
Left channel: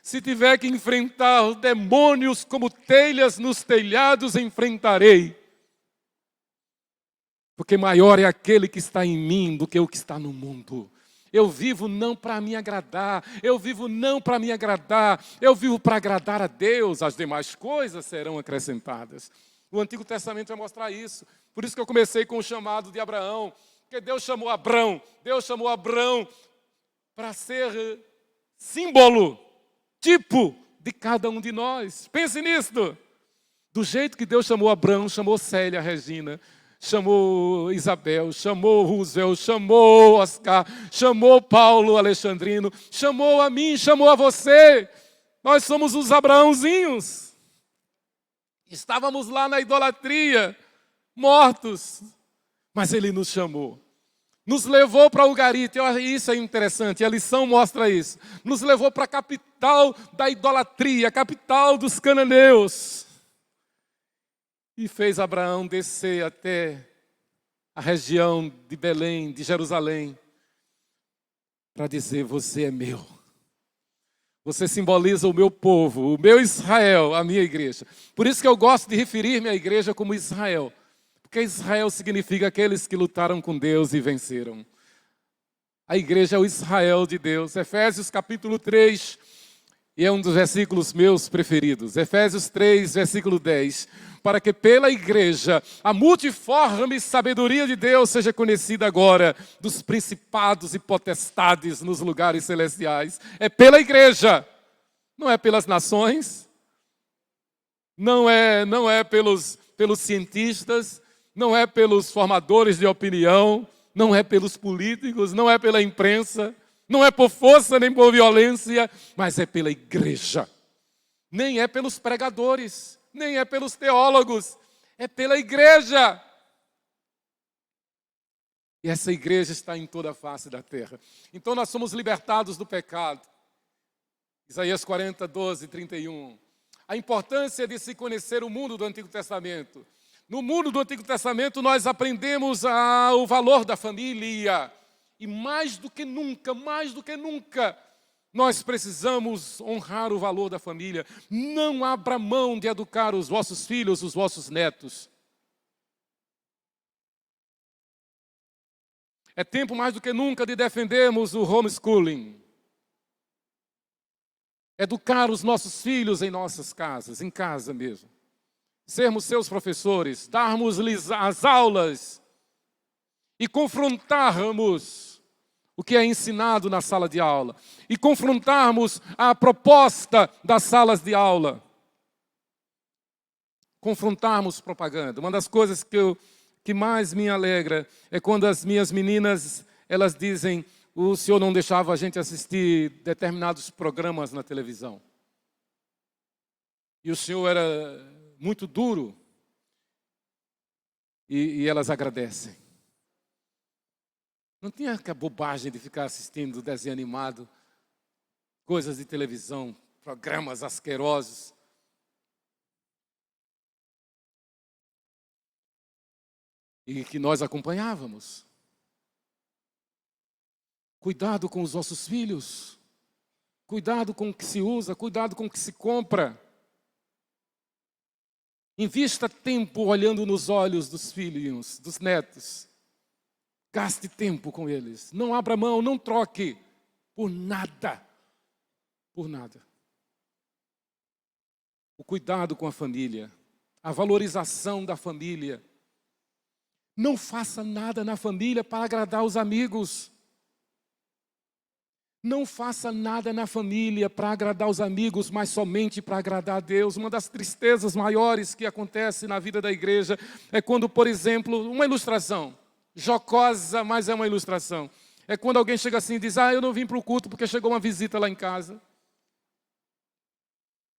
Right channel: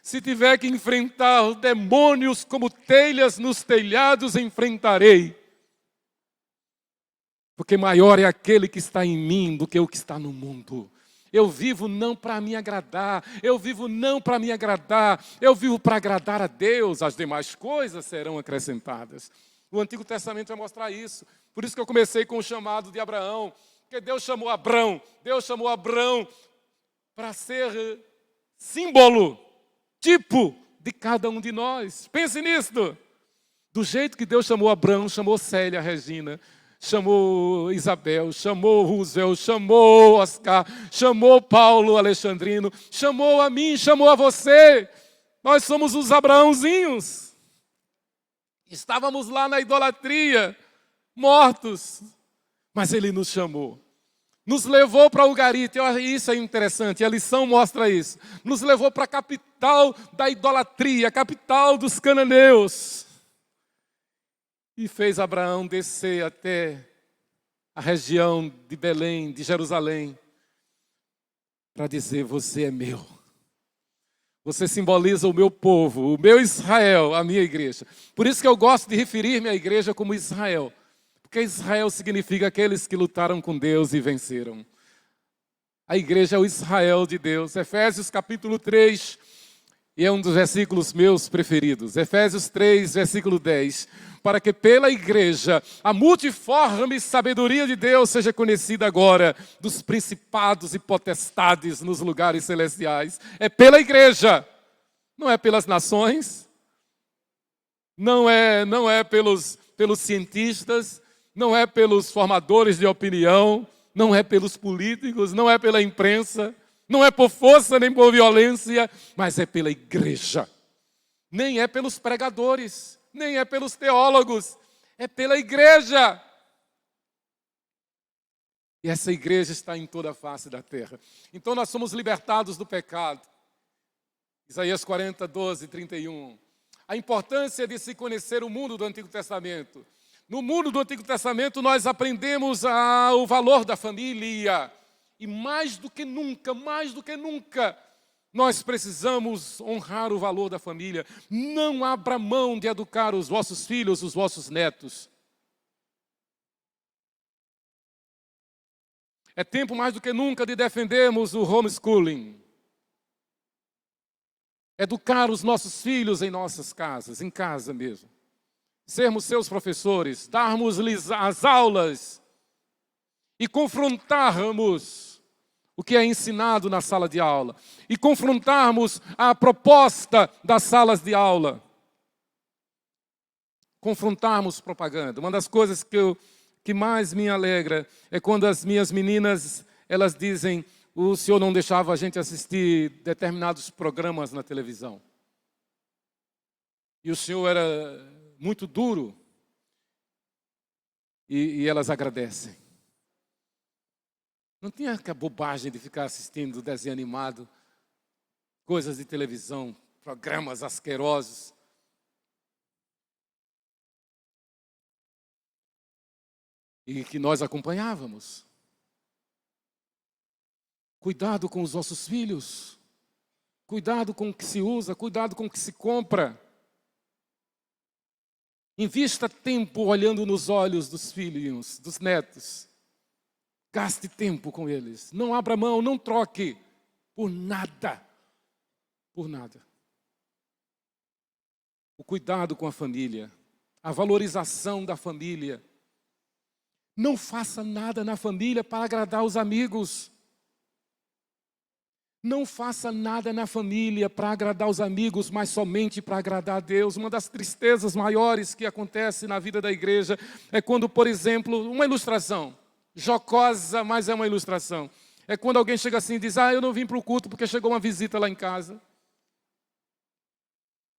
Se tiver que enfrentar os demônios como telhas nos telhados, enfrentarei. Porque maior é aquele que está em mim do que o que está no mundo. Eu vivo não para me agradar. Eu vivo não para me agradar. Eu vivo para agradar a Deus. As demais coisas serão acrescentadas. O Antigo Testamento vai mostrar isso. Por isso que eu comecei com o chamado de Abraão. Porque Deus chamou Abrão para ser símbolo, tipo de cada um de nós. Pense nisso. Do jeito que Deus chamou Abrão, chamou Célia, Regina, chamou Isabel, chamou Roosevelt, chamou Oscar, chamou Paulo Alexandrino, chamou a mim, chamou a você. Nós somos os Abraãozinhos. Estávamos lá na idolatria, mortos. Mas ele nos chamou, nos levou para Ugarite, isso é interessante, a lição mostra isso, nos levou para a capital da idolatria, a capital dos cananeus, e fez Abraão descer até a região de Belém, de Jerusalém, para dizer, você é meu, você simboliza o meu povo, o meu Israel, a minha igreja. Por isso que eu gosto de referir-me à igreja como Israel. Porque Israel significa aqueles que lutaram com Deus e venceram. A igreja é o Israel de Deus. Efésios capítulo 3, e é um dos versículos meus preferidos. Efésios 3, versículo 10. Para que pela igreja a multiforme sabedoria de Deus seja conhecida agora dos principados e potestades nos lugares celestiais. É pela igreja, não é pelas nações, não é pelos cientistas, não é pelos formadores de opinião, não é pelos políticos, não é pela imprensa, não é por força nem por violência, mas é pela igreja. Nem é pelos pregadores, nem é pelos teólogos, é pela igreja. E essa igreja está em toda a face da terra. Então nós somos libertados do pecado. Isaías 40, 12, 31. A importância de se conhecer o mundo do Antigo Testamento. No mundo do Antigo Testamento, nós aprendemos o valor da família. E mais do que nunca, nós precisamos honrar o valor da família. Não abra mão de educar os vossos filhos, os vossos netos. É tempo mais do que nunca de defendermos o homeschooling. Educar os nossos filhos em nossas casas, em casa mesmo. Sermos seus professores, darmos-lhes as aulas e confrontarmos o que é ensinado na sala de aula e confrontarmos a proposta das salas de aula. Confrontarmos propaganda. Uma das coisas que mais me alegra é quando as minhas meninas, elas dizem, o senhor não deixava a gente assistir determinados programas na televisão. e o Senhor era muito duro, e elas agradecem. Não tinha a bobagem de ficar assistindo desenho animado, coisas de televisão, programas asquerosos. E que nós acompanhávamos. Cuidado com os nossos filhos. Cuidado com o que se usa, cuidado com o que se compra. Invista tempo olhando nos olhos dos filhos, dos netos. Gaste tempo com eles. Não abra mão, não troque por nada. Por nada. O cuidado com a família. A valorização da família. Não faça nada na família para agradar os amigos. Não faça nada na família para agradar os amigos, mas somente para agradar a Deus. Uma das tristezas maiores que acontece na vida da igreja é quando, por exemplo, uma ilustração, jocosa, mas é uma ilustração. É quando alguém chega assim e diz, eu não vim para o culto porque chegou uma visita lá em casa.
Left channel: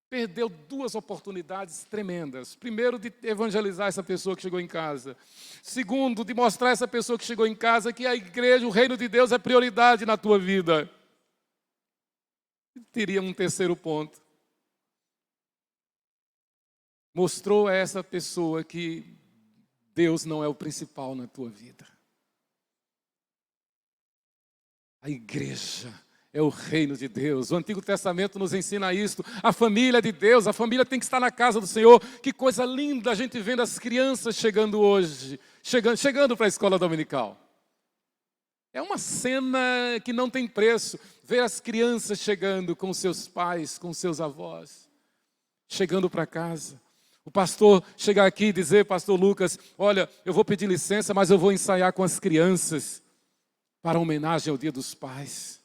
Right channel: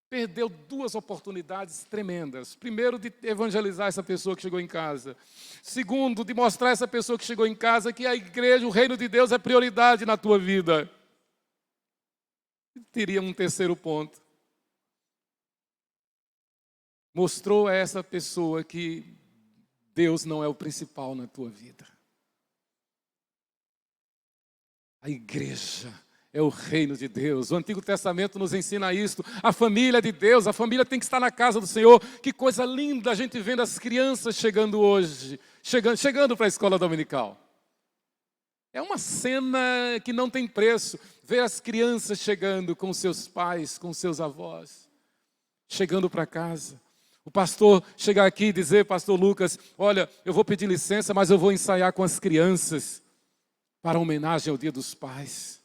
Perdeu 2 oportunidades tremendas. Primeiro, de evangelizar essa pessoa que chegou em casa. Segundo, de mostrar a essa pessoa que chegou em casa que a igreja, o reino de Deus é prioridade na tua vida. Teria um terceiro ponto. Mostrou a essa pessoa que Deus não é o principal na tua vida. A igreja é o reino de Deus. O Antigo Testamento nos ensina isso. A família de Deus, a família tem que estar na casa do Senhor. Que coisa linda a gente vendo as crianças chegando hoje, chegando para a escola dominical. É uma cena que não tem preço. Ver as crianças chegando com seus pais, com seus avós, chegando para casa. O pastor chegar aqui e dizer, pastor Lucas, olha, eu vou pedir licença, mas eu vou ensaiar com as crianças para homenagem ao Dia dos Pais.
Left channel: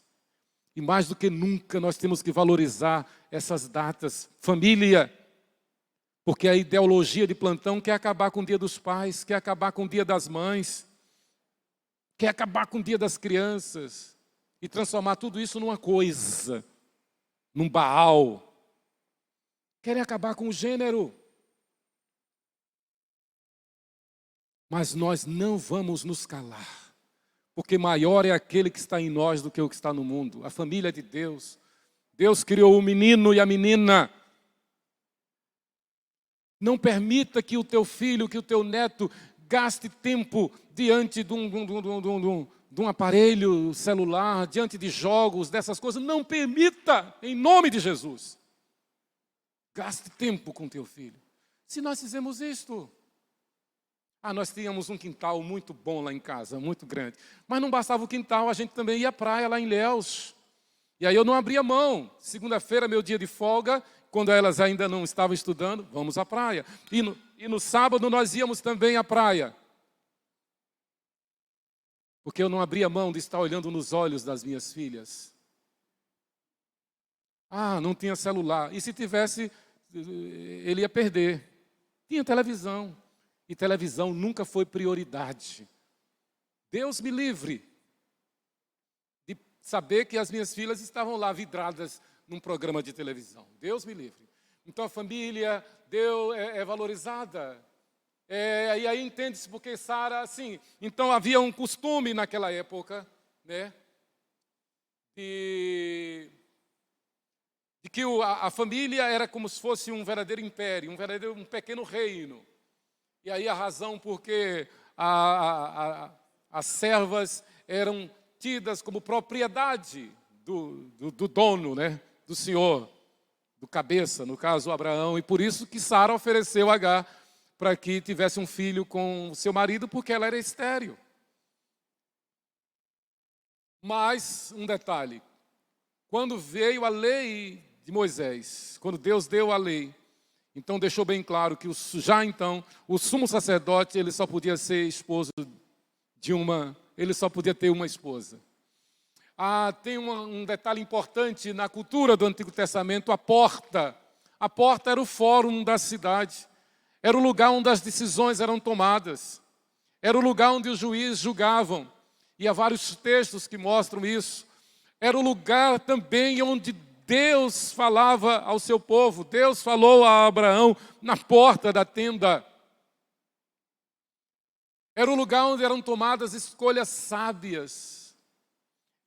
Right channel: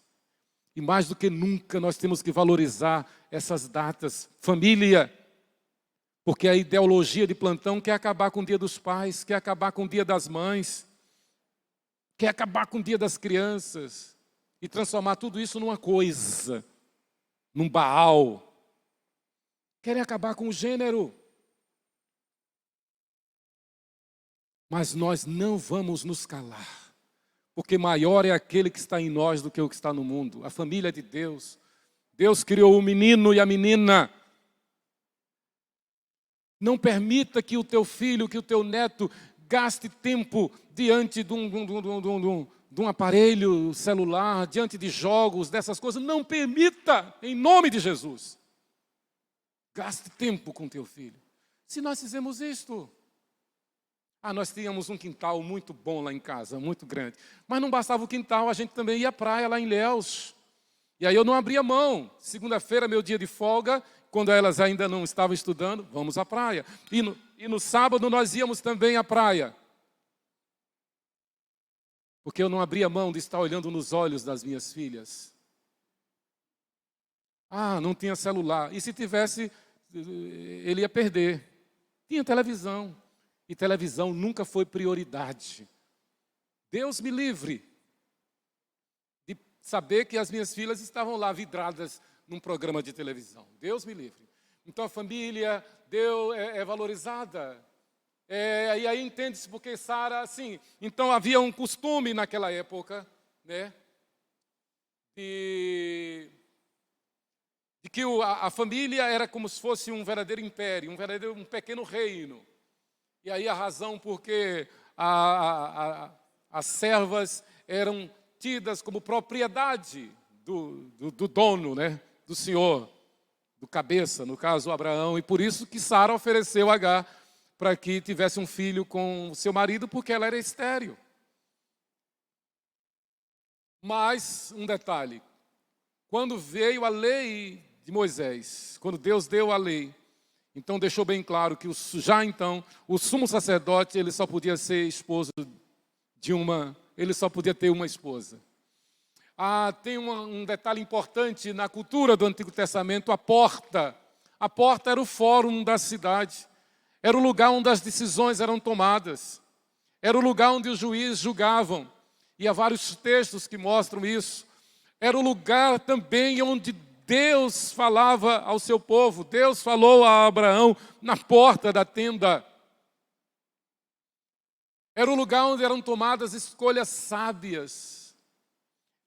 E mais do que nunca nós temos que valorizar essas datas. Família, porque a ideologia de plantão quer acabar com o Dia dos Pais, quer acabar com o Dia das Mães, quer acabar com o Dia das Crianças e transformar tudo isso numa coisa, num Baal. Querem acabar com o gênero. Mas nós não vamos nos calar, porque maior é aquele que está em nós do que o que está no mundo. A família de Deus. Deus criou o menino e a menina. Não permita que o teu filho, que o teu neto gaste tempo diante de um aparelho celular, diante de jogos, dessas coisas. Não permita, em nome de Jesus. Gaste tempo com teu filho. Se nós fizemos isto... nós tínhamos um quintal muito bom lá em casa, muito grande. Mas não bastava o quintal, a gente também ia à praia lá em Ilhéus. E aí eu não abria mão. Segunda-feira, meu dia de folga, quando elas ainda não estavam estudando, vamos à praia. E no sábado nós íamos também à praia. Porque eu não abria mão de estar olhando nos olhos das minhas filhas. Não tinha celular. E se tivesse, ele ia perder. Tinha televisão. E televisão nunca foi prioridade. Deus me livre de saber que as minhas filhas estavam lá vidradas num programa de televisão. Deus me livre. Então a família é valorizada. E aí entende-se porque Sara, assim, então havia um costume naquela época, né? De que a família era como se fosse um verdadeiro império, um pequeno reino. E aí a razão porque as servas eram tidas como propriedade do dono, né? Do senhor, do cabeça, no caso Abraão. E por isso que Sara ofereceu a Agar para que tivesse um filho com o seu marido, porque ela era estéril. Mas um detalhe, quando veio a lei de Moisés, quando Deus deu a lei, então deixou bem claro que o sumo sacerdote, ele só podia ser esposo ele só podia ter uma esposa. Tem um detalhe importante na cultura do Antigo Testamento, a porta. A porta era o fórum da cidade, era o lugar onde as decisões eram tomadas, era o lugar onde os juízes julgavam, e há vários textos que mostram isso. Era o lugar também onde Deus falava ao seu povo, Deus falou a Abraão na porta da tenda. Era o lugar onde eram tomadas escolhas sábias.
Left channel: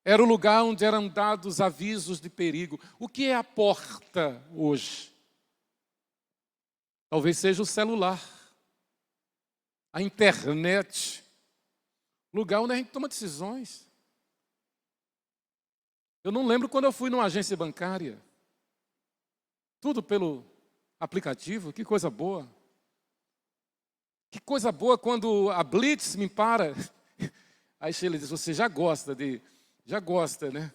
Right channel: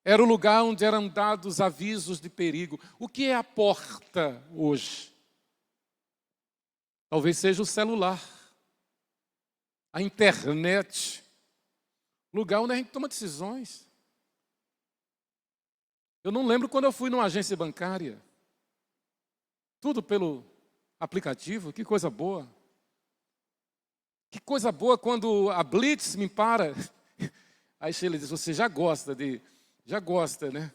Era o lugar onde eram dados avisos de perigo. O que é a porta hoje? Talvez seja o celular, a internet, lugar onde a gente toma decisões. Eu não lembro quando eu fui numa agência bancária. Tudo pelo aplicativo, que coisa boa. Que coisa boa quando a Blitz me para. Aí Sheila diz, você já gosta, né?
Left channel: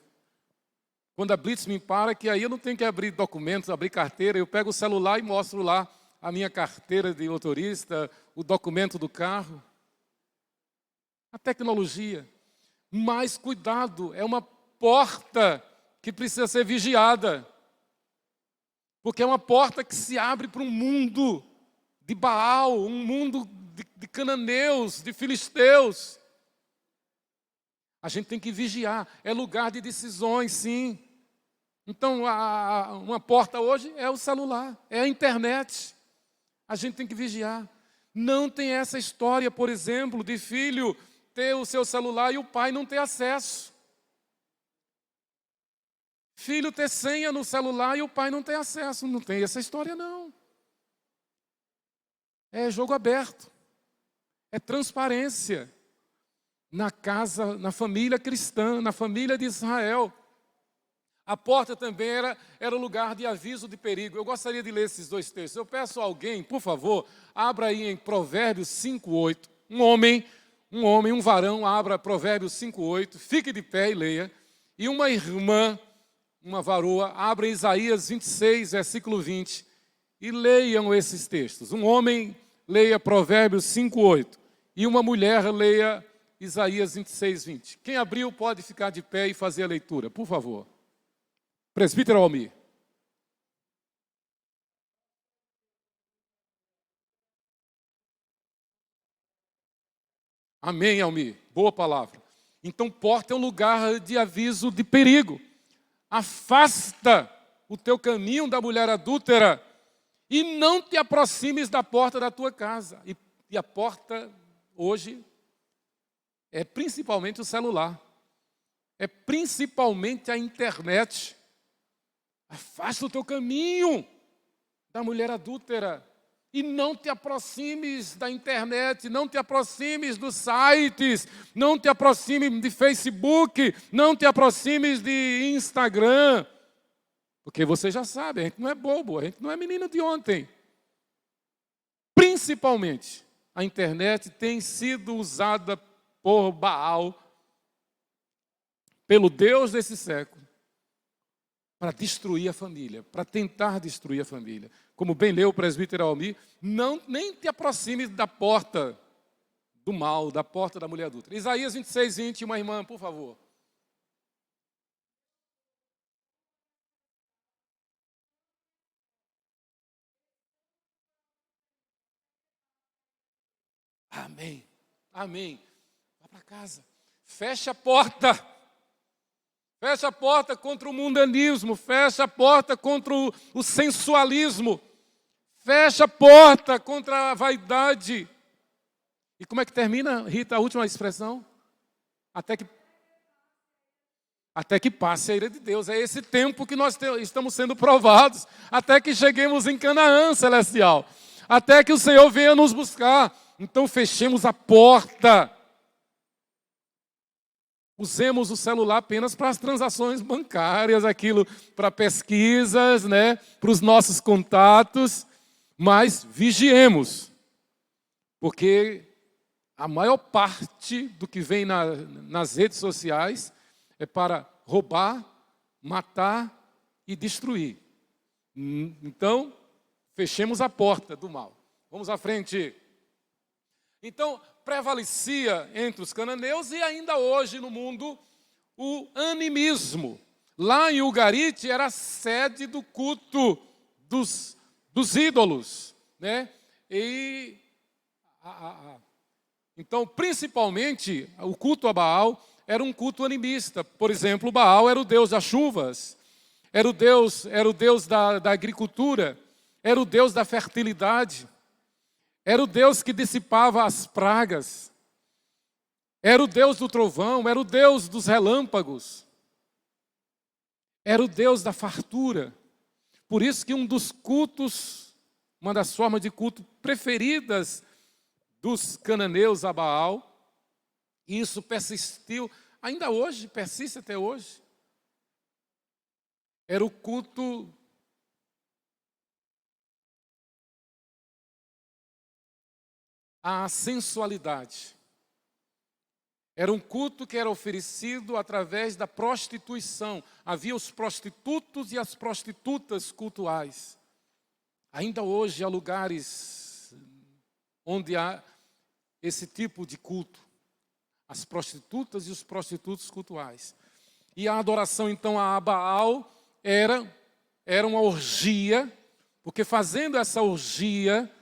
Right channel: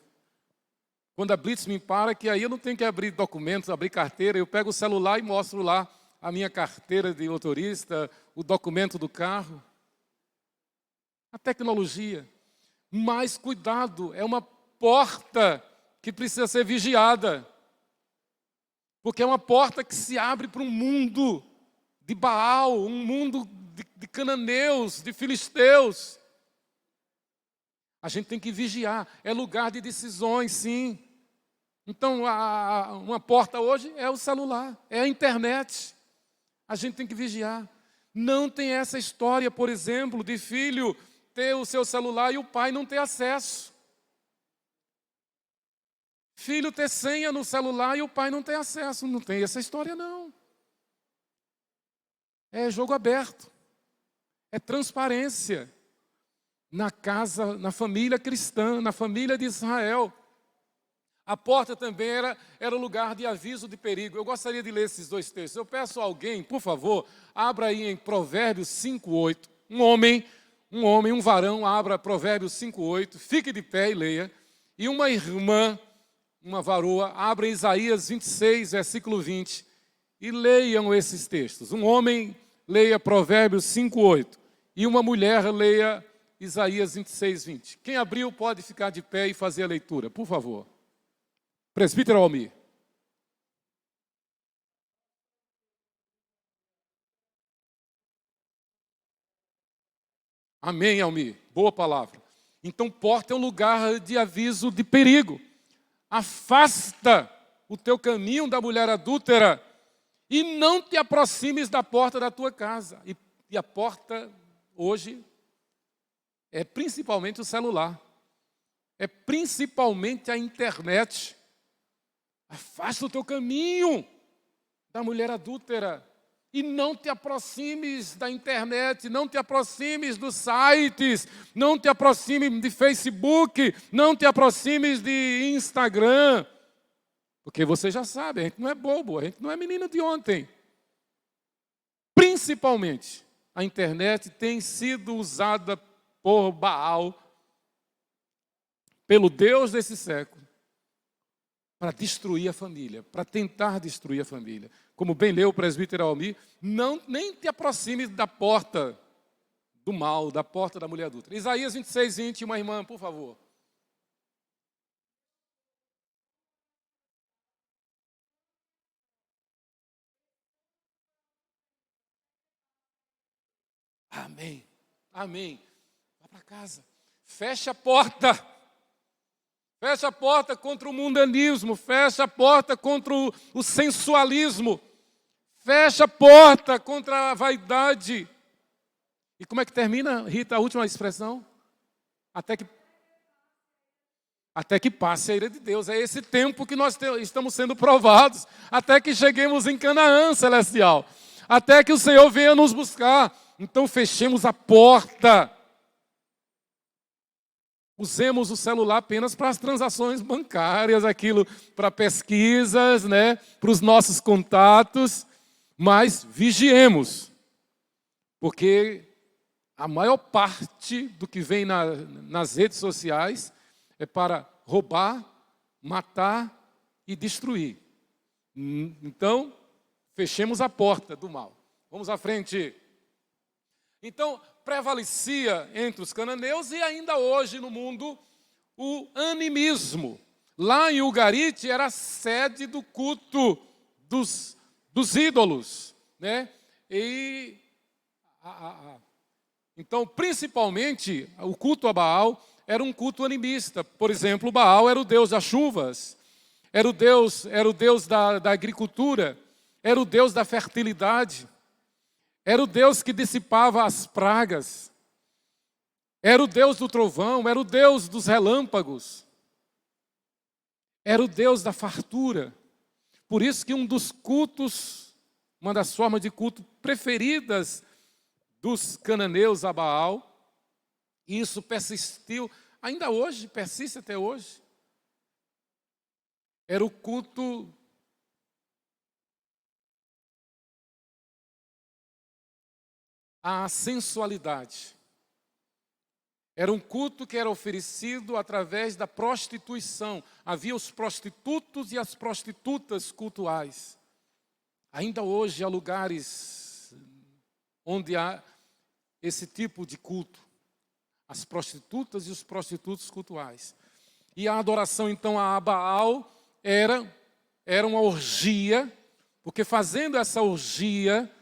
Quando a Blitz me para, que aí eu não tenho que abrir documentos, abrir carteira, eu pego o celular e mostro lá a minha carteira de motorista, o documento do carro. A tecnologia. Mas cuidado, é uma porta que precisa ser vigiada. Porque é uma porta que se abre para um mundo de Baal, um mundo de cananeus, de filisteus. A gente tem que vigiar. É lugar de decisões, sim. Então, uma porta hoje é o celular, é a internet. A gente tem que vigiar. Não tem essa história, por exemplo, de filho ter o seu celular e o pai não ter acesso. Filho ter senha no celular e o pai não ter acesso. Não tem essa história, não. É jogo aberto. É transparência. Na casa, na família cristã, na família de Israel. A porta também era lugar de aviso de perigo. Eu gostaria de ler esses dois textos. Eu peço a alguém, por favor, abra aí em Provérbios 5:8. Um varão, abra Provérbios 5:8, fique de pé e leia. E uma irmã, uma varoa, abra Isaías 26, versículo 20, e leiam esses textos. Um homem leia Provérbios 5:8 e uma mulher leia Isaías 26, 20. Quem abriu pode ficar de pé e fazer a leitura, por favor. Presbítero Almir. Amém, Almir. Boa palavra. Então, porta é um lugar de aviso de perigo. Afasta o teu caminho da mulher adúltera e não te aproximes da porta da tua casa. E a porta, hoje, é principalmente o celular. É principalmente a internet. Afasta o teu caminho da mulher adúltera. E não te aproximes da internet, não te aproximes dos sites, não te aproximes de Facebook, não te aproximes de Instagram. Porque você já sabe, a gente não é bobo, a gente não é menino de ontem. Principalmente, a internet tem sido usada por Baal, pelo Deus desse século, para destruir a família, para tentar destruir a família. Como bem leu o presbítero Almir, nem te aproxime da porta do mal, da porta da mulher adulta. Isaías 26, 20, uma irmã, por favor. Amém, amém. Vá para casa, fecha a porta. Fecha a porta contra o mundanismo, fecha a porta contra o sensualismo, fecha a porta contra a vaidade. E como é que termina, Rita, a última expressão? Até que passe a ira de Deus. É esse tempo que nós estamos sendo provados, até que cheguemos em Canaã celestial, até que o Senhor venha nos buscar. Então fechemos a porta. Usemos o celular apenas para as transações bancárias, aquilo para pesquisas, né, para os nossos contatos, mas vigiemos, porque a maior parte do que vem nas redes sociais é para roubar, matar e destruir. Então, fechemos a porta do mal. Vamos à frente. Então, prevalecia entre os cananeus e ainda hoje no mundo o animismo. Lá em Ugarit era a sede do culto dos ídolos, né? Então, principalmente, o culto a Baal era um culto animista. Por exemplo, Baal era o deus das chuvas. era o Deus da agricultura, era o Deus da fertilidade, era o Deus que dissipava as pragas, era o Deus do trovão, era o Deus dos relâmpagos, era o Deus da fartura. Por isso que um dos cultos, uma das formas de culto preferidas dos cananeus a Baal, e isso persistiu, ainda hoje, persiste até hoje, era o culto à sensualidade. Era um culto que era oferecido através da prostituição. Havia os prostitutos e as prostitutas cultuais. Ainda hoje há lugares onde há esse tipo de culto. As prostitutas e os prostitutos cultuais. E a adoração então a Baal era uma orgia, porque fazendo essa orgia,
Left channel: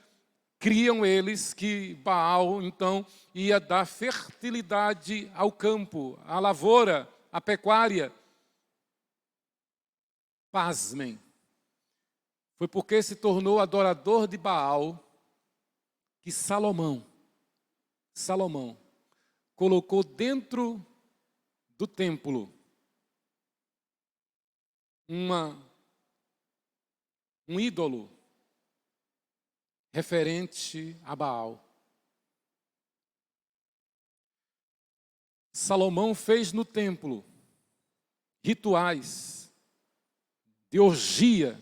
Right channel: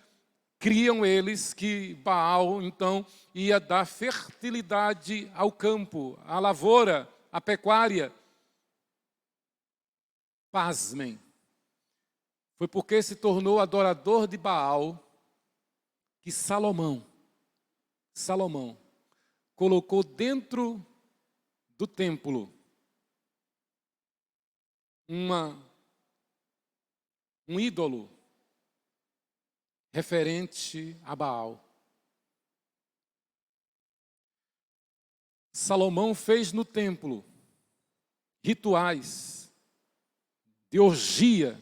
criam eles que Baal então ia dar fertilidade ao campo, à lavoura, à pecuária. Pasmem. Foi porque se tornou adorador de Baal que Salomão colocou dentro do templo um ídolo referente a Baal. Salomão fez no templo rituais de orgia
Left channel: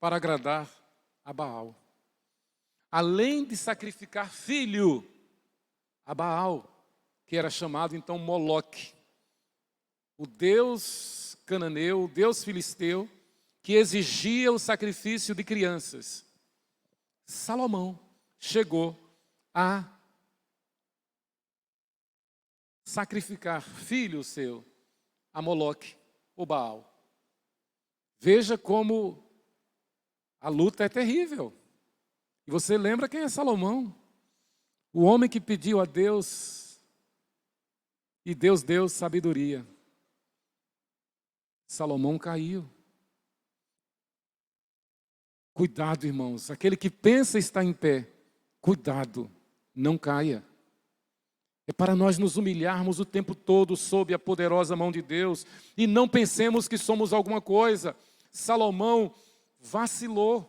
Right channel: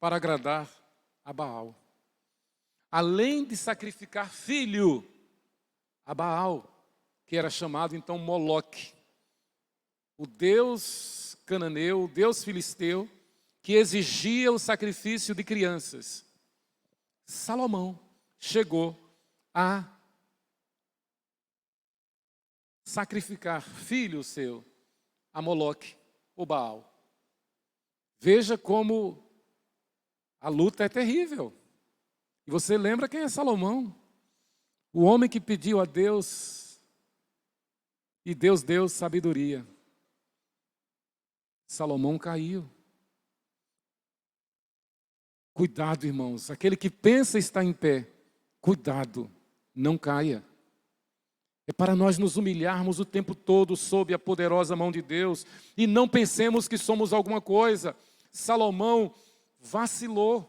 para agradar a Baal. Além de sacrificar filho a Baal, que era chamado então Moloque, o deus cananeu, o deus filisteu, que exigia o sacrifício de crianças. Salomão chegou a sacrificar filho seu a Moloque, o Baal. Veja como a luta é terrível. E você lembra quem é Salomão? O homem que pediu a Deus e Deus deu sabedoria. Salomão caiu. Cuidado, irmãos. Aquele que pensa estar em pé, cuidado, não caia. É para nós nos humilharmos o tempo todo sob a poderosa mão de Deus e não pensemos que somos alguma coisa. Salomão vacilou,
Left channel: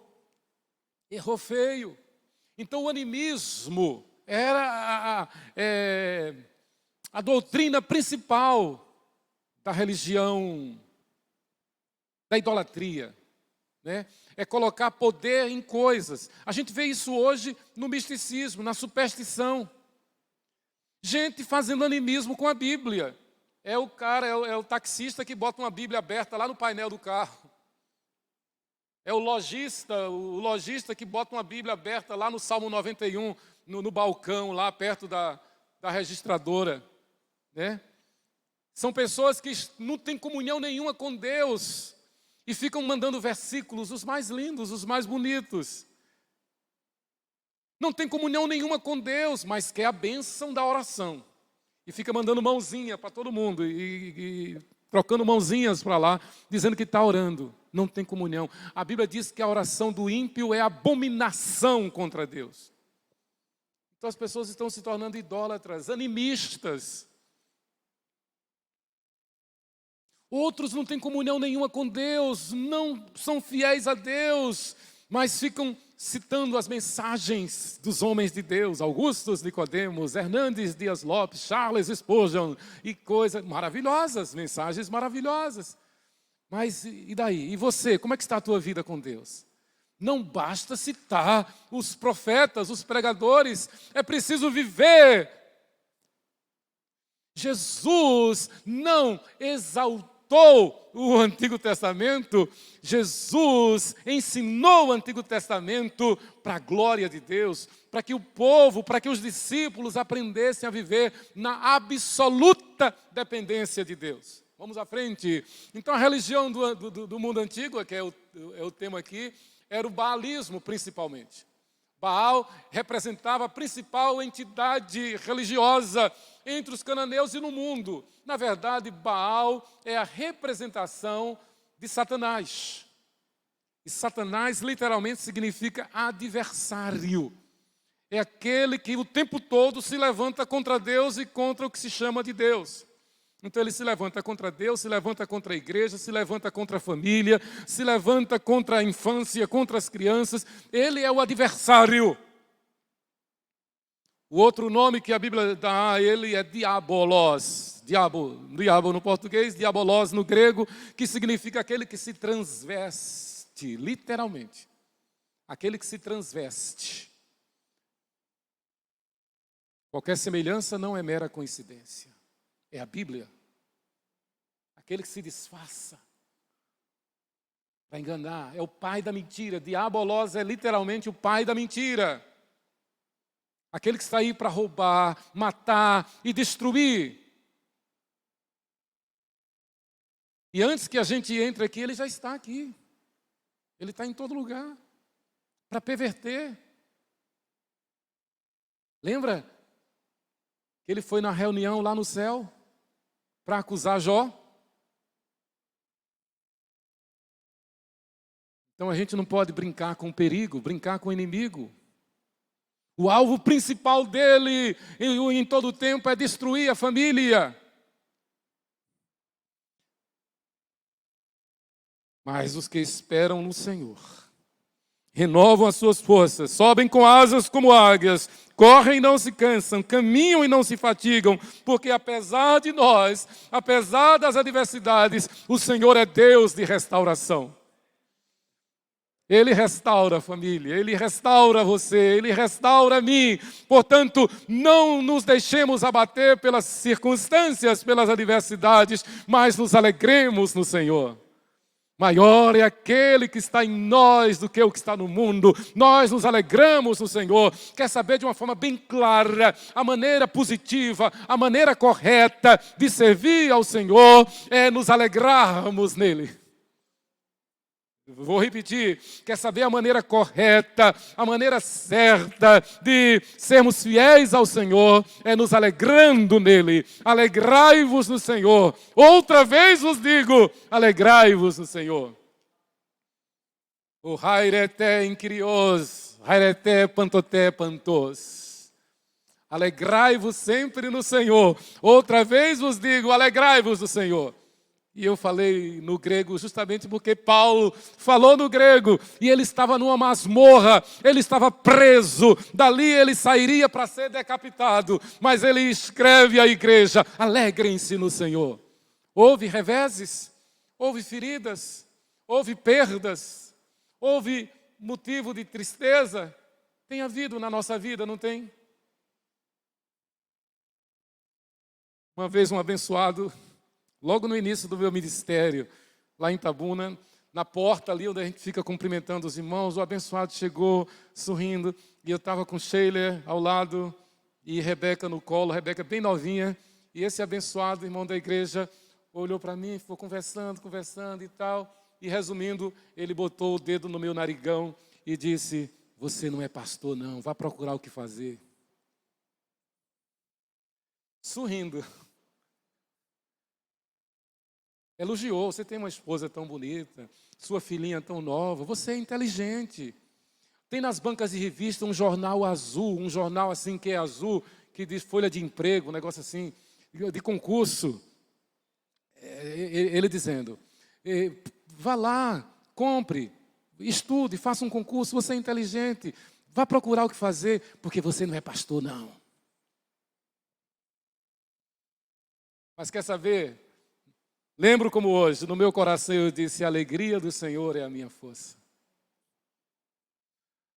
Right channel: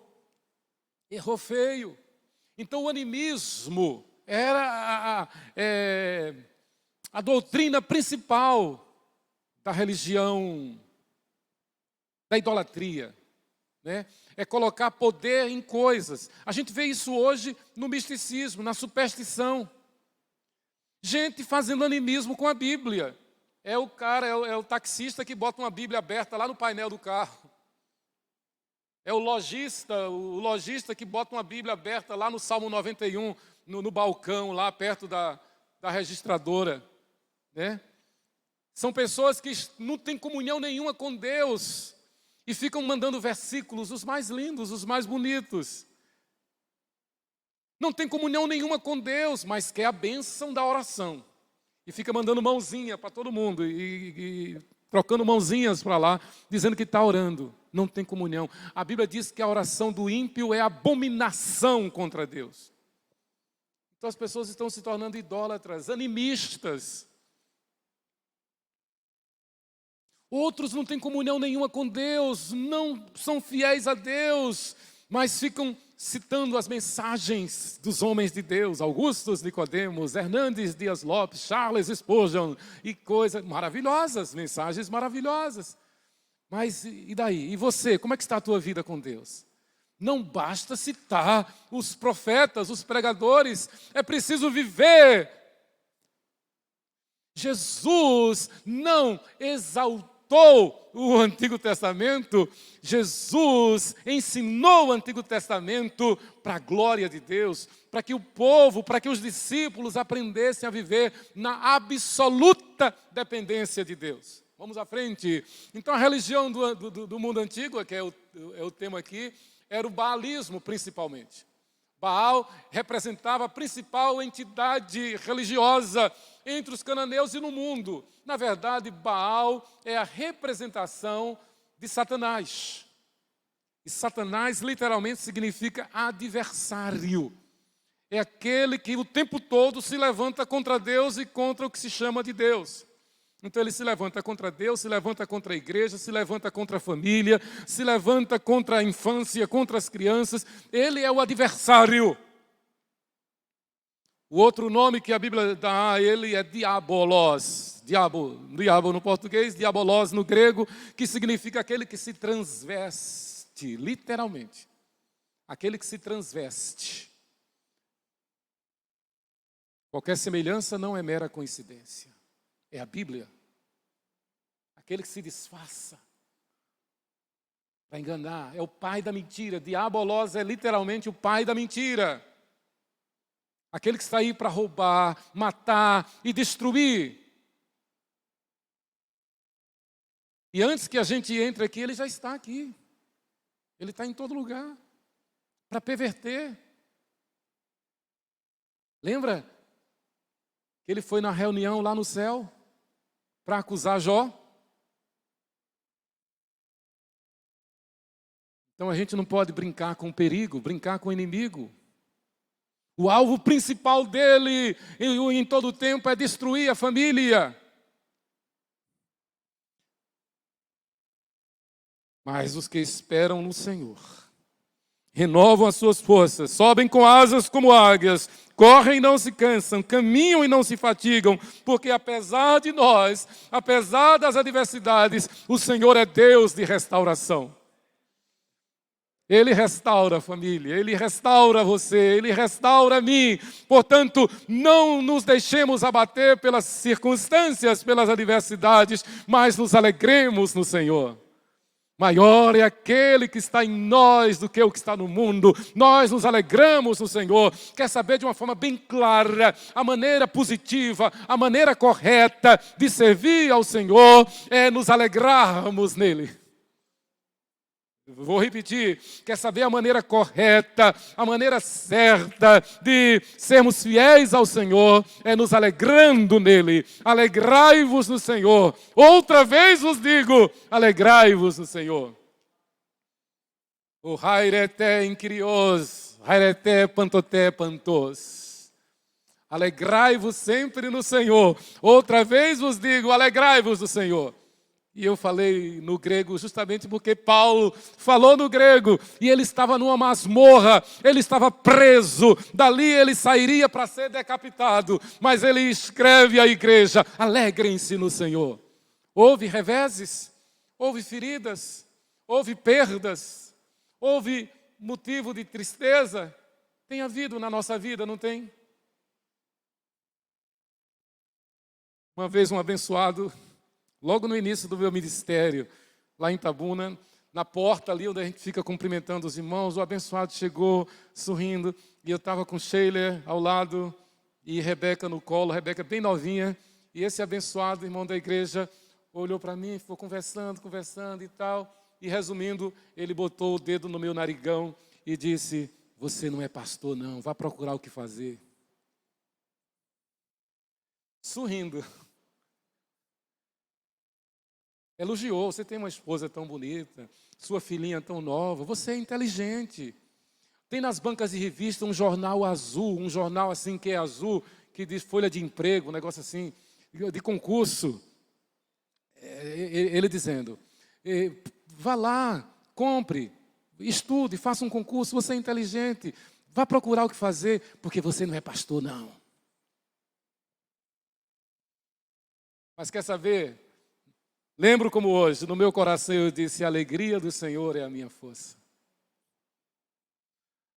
errou feio. Então o animismo era a doutrina principal da religião, da idolatria, né? É colocar poder em coisas. A gente vê isso hoje no misticismo, na superstição. Gente fazendo animismo com a Bíblia. É o taxista que bota uma Bíblia aberta lá no painel do carro. É o lojista que bota uma Bíblia aberta lá no Salmo 91, no balcão, lá perto da registradora, né? São pessoas que não têm comunhão nenhuma com Deus e ficam mandando versículos, os mais lindos, os mais bonitos. Não tem comunhão nenhuma com Deus, mas quer a bênção da oração. E fica mandando mãozinha para todo mundo e trocando mãozinhas para lá, dizendo que está orando. Não tem comunhão. A Bíblia diz que a oração do ímpio é abominação contra Deus. Então as pessoas estão se tornando idólatras, animistas. Outros não têm comunhão nenhuma com Deus, não são fiéis a Deus, mas ficam citando as mensagens dos homens de Deus, Augustus Nicodemos, Hernandes Dias Lopes, Charles Spurgeon, e coisas maravilhosas, mensagens maravilhosas. Mas e daí? E você, como é que está a tua vida com Deus? Não basta citar os profetas, os pregadores, é preciso viver. Jesus não exaltou o Antigo Testamento, Jesus ensinou o Antigo Testamento para a glória de Deus, para que o povo, para que os discípulos aprendessem a viver na absoluta dependência de Deus. Vamos à frente. Então a religião do mundo antigo, que é o tema aqui, era o baalismo principalmente. Baal representava a principal entidade religiosa entre os cananeus e no mundo. Na verdade, Baal é a representação de Satanás. E Satanás literalmente significa adversário. É aquele que o tempo todo se levanta contra Deus e contra o que se chama de Deus. Então ele se levanta contra Deus, se levanta contra a igreja, se levanta contra a família, se levanta contra a infância, contra as crianças. Ele é o adversário. O outro nome que a Bíblia dá a ele é diabolos. Diabo no português, diabolos no grego, que significa aquele que se transveste, literalmente. Aquele que se transveste. Qualquer semelhança não é mera coincidência. É a Bíblia. Aquele que se disfarça para enganar. É o pai da mentira. Diabolos é literalmente o pai da mentira. Aquele que está aí para roubar, matar e destruir. E antes que a gente entre aqui, ele já está aqui. Ele está em todo lugar para perverter. Lembra que ele foi na reunião lá no céu para acusar Jó? Então a gente não pode brincar com o perigo, brincar com o inimigo. O alvo principal dele em todo o tempo é destruir a família. Mas os que esperam no Senhor renovam as suas forças, sobem com asas como águias, correm e não se cansam, caminham e não se fatigam, porque apesar de nós, apesar das adversidades, o Senhor é Deus de restauração. Ele restaura a família, Ele restaura você, Ele restaura a mim. Portanto, não nos deixemos abater pelas circunstâncias, pelas adversidades, mas nos alegremos no Senhor. Maior é aquele que está em nós do que o que está no mundo. Nós nos alegramos no Senhor. Quer saber de uma forma bem clara, a maneira positiva, a maneira correta de servir ao Senhor é nos alegrarmos nele. Vou repetir, quer saber a maneira correta, a maneira certa de sermos fiéis ao Senhor, é nos alegrando nele. Alegrai-vos no Senhor. Outra vez vos digo, alegrai-vos no Senhor. O hairete incrios, hairete pantote pantos. Alegrai-vos sempre no Senhor. Outra vez vos digo, alegrai-vos no Senhor. E eu falei no grego justamente porque Paulo falou no grego e ele estava numa masmorra, ele estava preso, dali ele sairia para ser decapitado, mas ele escreve à igreja, alegrem-se no Senhor. Houve reveses, houve feridas, houve perdas, houve motivo de tristeza, tem havido na nossa vida, não tem? Uma vez um abençoado, logo no início do meu ministério, lá em Itabuna, na porta ali onde a gente fica cumprimentando os irmãos, o abençoado chegou sorrindo, e eu estava com Sheila ao lado e Rebeca no colo, Rebeca bem novinha, e esse abençoado irmão da igreja olhou para mim, ficou conversando e tal, e resumindo, ele botou o dedo no meu narigão e disse, você não é pastor não, vá procurar o que fazer. Sorrindo. Elogiou, você tem uma esposa tão bonita, sua filhinha tão nova, você é inteligente. Tem nas bancas de revista um jornal azul, um jornal assim que é azul, que diz folha de emprego, um negócio assim, de concurso. Ele dizendo, vá lá, compre, estude, faça um concurso, você é inteligente, vá procurar o que fazer, porque você não é pastor não. Mas quer saber? Lembro como hoje, no meu coração eu disse, a alegria do Senhor é a minha força.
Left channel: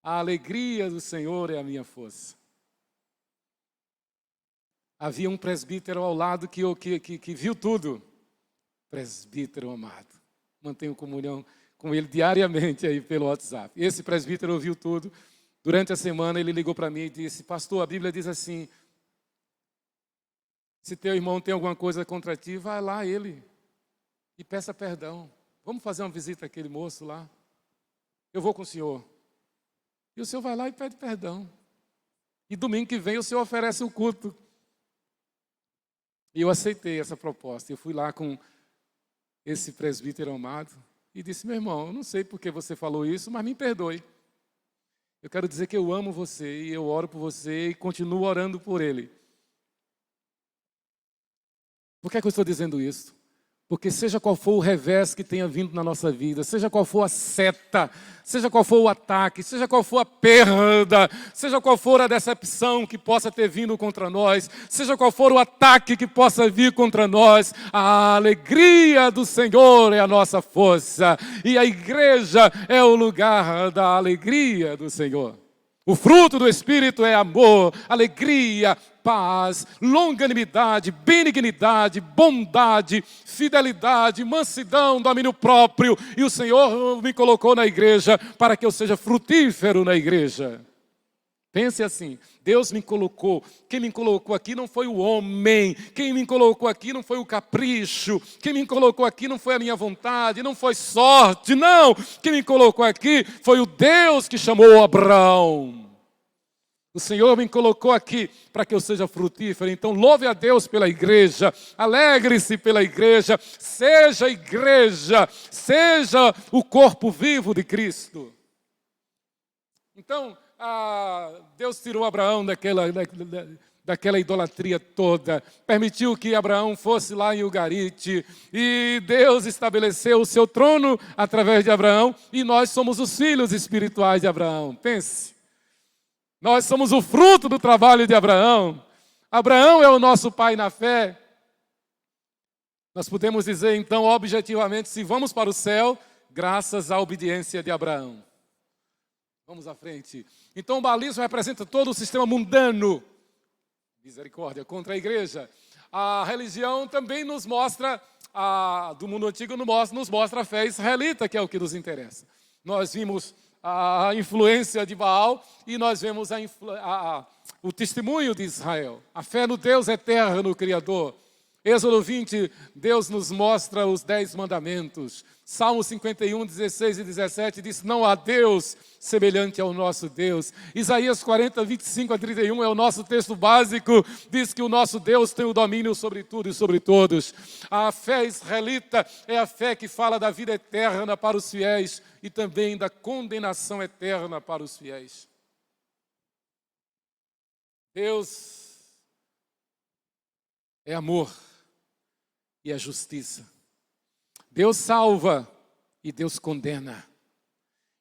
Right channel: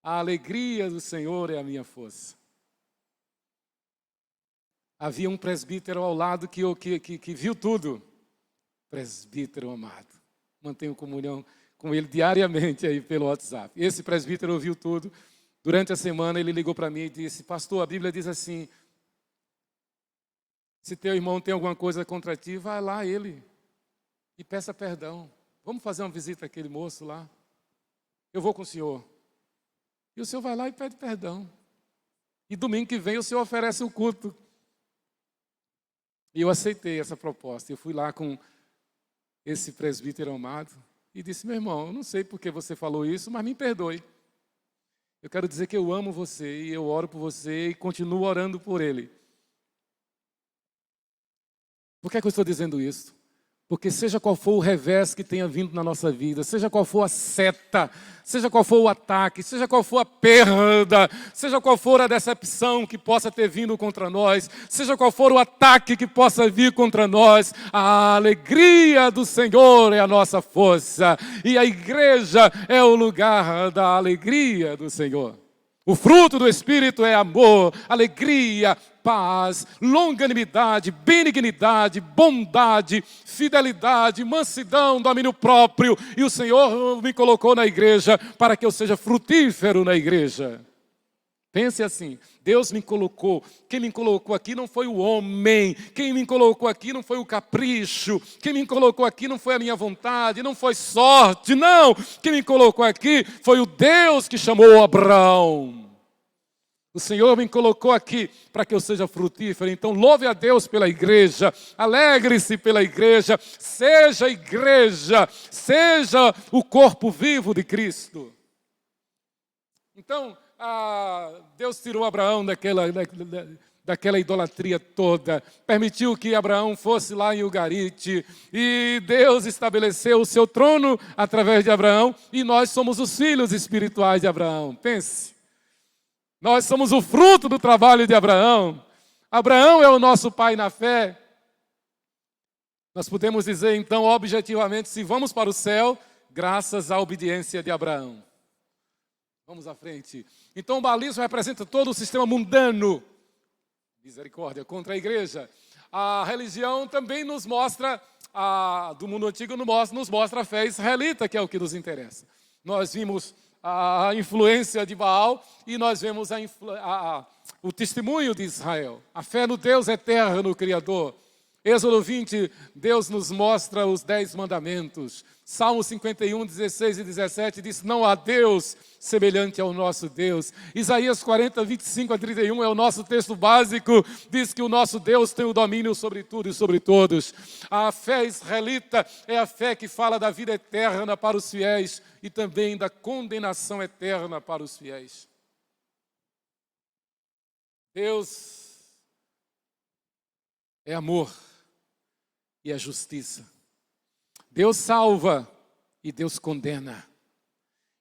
A alegria do Senhor é a minha força. Havia um presbítero ao lado que viu tudo. Presbítero amado. Mantenho comunhão com ele diariamente aí pelo WhatsApp. Esse presbítero ouviu tudo. Durante a semana ele ligou para mim e disse, pastor, a Bíblia diz assim, se teu irmão tem alguma coisa contra ti, vai lá ele e peça perdão. Vamos fazer uma visita àquele moço lá? Eu vou com o senhor. E o senhor vai lá e pede perdão. E domingo que vem o senhor oferece o culto. E eu aceitei essa proposta. Eu fui lá com esse presbítero amado. e disse: meu irmão, eu não sei por que você falou isso, mas me perdoe. Eu quero dizer que eu amo você e eu oro por você e continuo orando por ele. Por que é que eu estou dizendo isso? Porque seja qual for o revés que tenha vindo na nossa vida, seja qual for a seta, seja qual for o ataque, seja qual for a perda, seja qual for a decepção que possa ter vindo contra nós, seja qual for o ataque que possa vir contra nós, a alegria do Senhor é a nossa força e a igreja é o lugar da alegria do Senhor. O fruto do Espírito é amor, alegria, paz, longanimidade, benignidade, bondade, fidelidade, mansidão, domínio próprio. E o Senhor me colocou na igreja para que eu seja frutífero na igreja. Pense assim, Deus me colocou. Quem me colocou aqui não foi o homem. Quem me colocou aqui não foi o capricho. Quem me colocou aqui não foi a minha vontade, não foi sorte, não. Quem me colocou aqui foi o Deus que chamou Abraão. O Senhor me colocou aqui para que eu seja frutífero. Então louve a Deus pela igreja, alegre-se pela igreja, seja o corpo vivo de Cristo. Então, Deus tirou Abraão daquela idolatria toda, permitiu que Abraão fosse lá em Ugarite, e Deus estabeleceu o seu trono através de Abraão, e nós somos os filhos espirituais de Abraão. Pense. Nós somos o fruto do trabalho de Abraão. Abraão é o nosso pai na fé. Nós podemos dizer, então, objetivamente, se vamos para o céu, graças à obediência de Abraão. Vamos à frente. Então, o baalismo representa todo o sistema mundano. Misericórdia contra a igreja. A religião também nos mostra, do mundo antigo nos mostra a fé israelita, que é o que nos interessa. Nós vimos a influência de Baal e nós vemos o testemunho de Israel. A fé no Deus eterno, Criador. Êxodo 20, Deus nos mostra os 10 mandamentos. Salmo 51, 16 e 17 diz: não há Deus semelhante ao nosso Deus. Isaías 40, 25 a 31 é o nosso texto básico, diz que o nosso Deus tem o domínio sobre tudo e sobre todos. A fé israelita é a fé que fala da vida eterna para os fiéis e também da condenação eterna para os fiéis. Deus é amor e é justiça. Deus salva e Deus condena.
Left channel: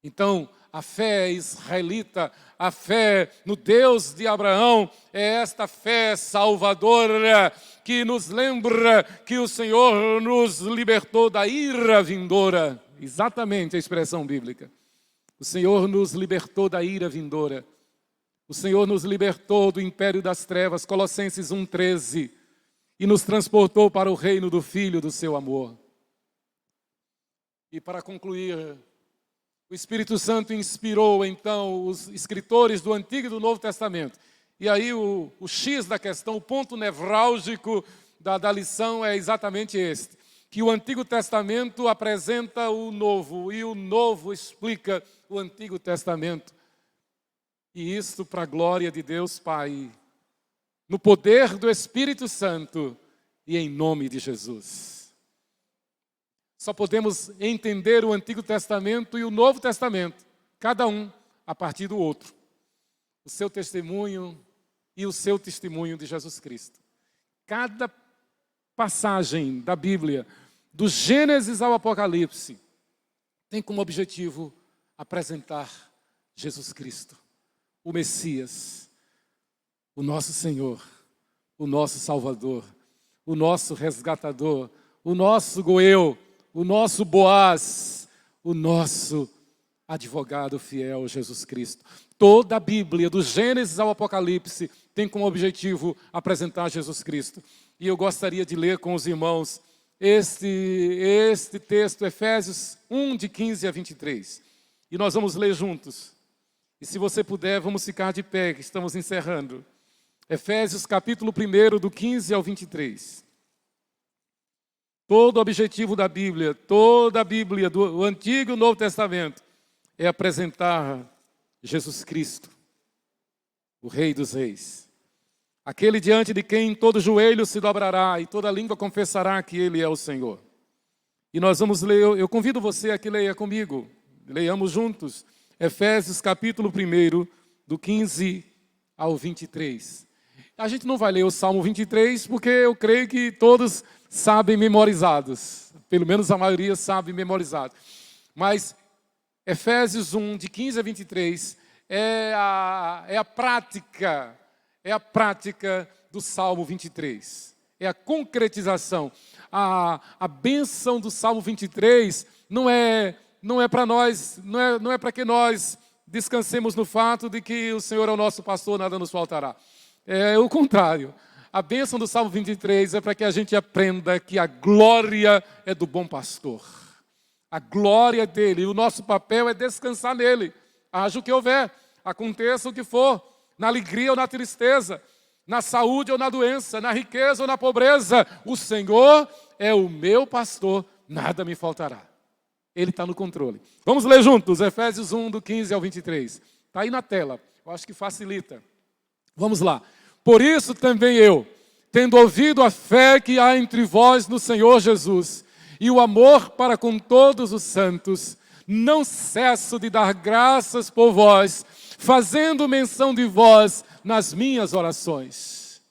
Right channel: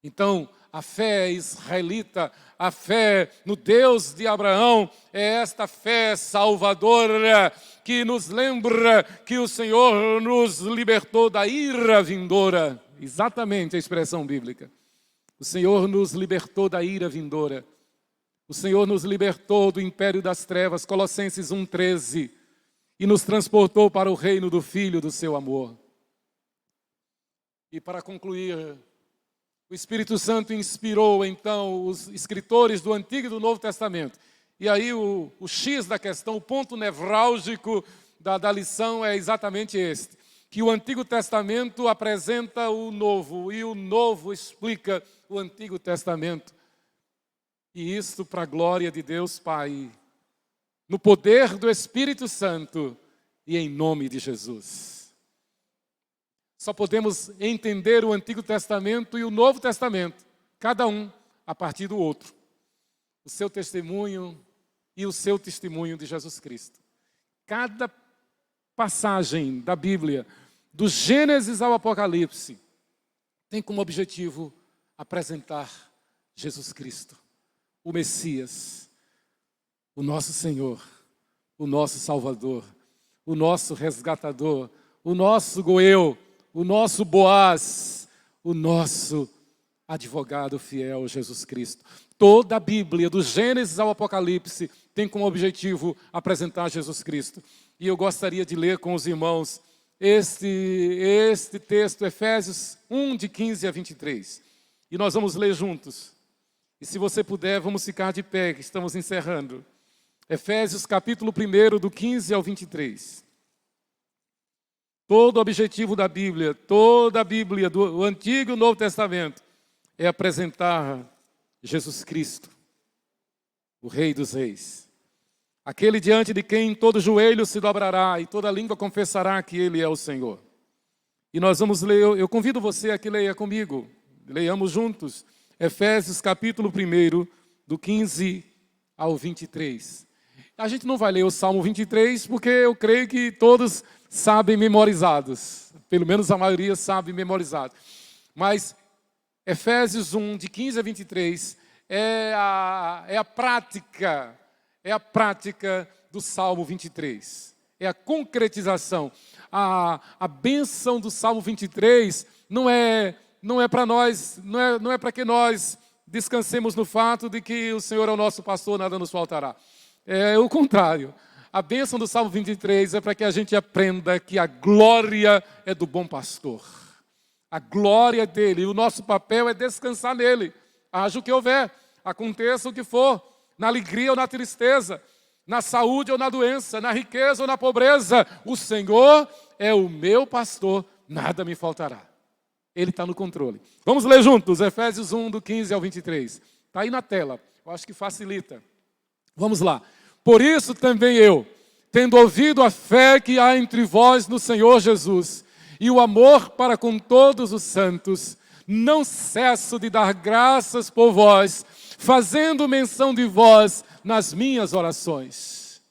Então, a fé israelita, a fé no Deus de Abraão, é esta fé salvadora que nos lembra que o Senhor nos libertou da ira vindoura. Exatamente a expressão bíblica. O Senhor nos libertou da ira vindoura. O Senhor nos libertou do império das trevas, Colossenses 1,13, e nos transportou para o reino do Filho do seu amor. E para concluir, o Espírito Santo inspirou então os escritores do Antigo e do Novo Testamento. E aí o X da questão, o ponto nevrálgico da lição é exatamente este: que o Antigo Testamento apresenta o Novo e o Novo explica o Antigo Testamento. E isso para a glória de Deus Pai, no poder do Espírito Santo e em nome de Jesus. Só podemos entender o Antigo Testamento e o Novo Testamento, cada um a partir do outro. O seu testemunho e o seu testemunho de Jesus Cristo. Cada passagem da Bíblia, do Gênesis ao Apocalipse, tem como objetivo apresentar Jesus Cristo, o Messias, o nosso Senhor, o nosso Salvador, o nosso resgatador, o nosso Goeu, o nosso Boaz, o nosso advogado fiel, Jesus Cristo. Toda a Bíblia, do Gênesis ao Apocalipse, tem como objetivo apresentar Jesus Cristo. E eu gostaria de ler com os irmãos este texto, Efésios 1, de 15 a 23. E nós vamos ler juntos. E se você puder, vamos ficar de pé, que estamos encerrando. Efésios capítulo 1, do 15 ao 23. Todo o objetivo da Bíblia, toda a Bíblia, do Antigo e do Novo Testamento, é apresentar Jesus Cristo, o Rei dos Reis. Aquele diante de quem todo joelho se dobrará e toda língua confessará que Ele é o Senhor. E nós vamos ler, eu convido você a que leia comigo, leiamos juntos, Efésios capítulo 1, do 15 ao 23. A gente não vai ler o Salmo 23, porque eu creio que todos sabem memorizados, pelo menos a maioria sabe memorizado. Mas Efésios 1, de 15 a 23, é a prática do Salmo 23. É a concretização. A bênção do Salmo 23 não é para nós, não é para que nós descansemos no fato de que o Senhor é o nosso pastor, nada nos faltará. É o contrário. A bênção do Salmo 23 é para que a gente aprenda que a glória é do bom pastor. A glória dele, e o nosso papel é descansar nele. Haja o que houver, aconteça o que for, na alegria ou na tristeza, na saúde ou na doença, na riqueza ou na pobreza, o Senhor é o meu pastor, nada me faltará. Ele está no controle. Vamos ler juntos, Efésios 1, do 15 ao 23. Está aí na tela, eu acho que facilita. Vamos lá. Por isso também eu, tendo ouvido a fé que há entre vós no Senhor Jesus, e o amor para com todos os santos, não cesso de dar graças por vós, fazendo menção de vós nas minhas orações,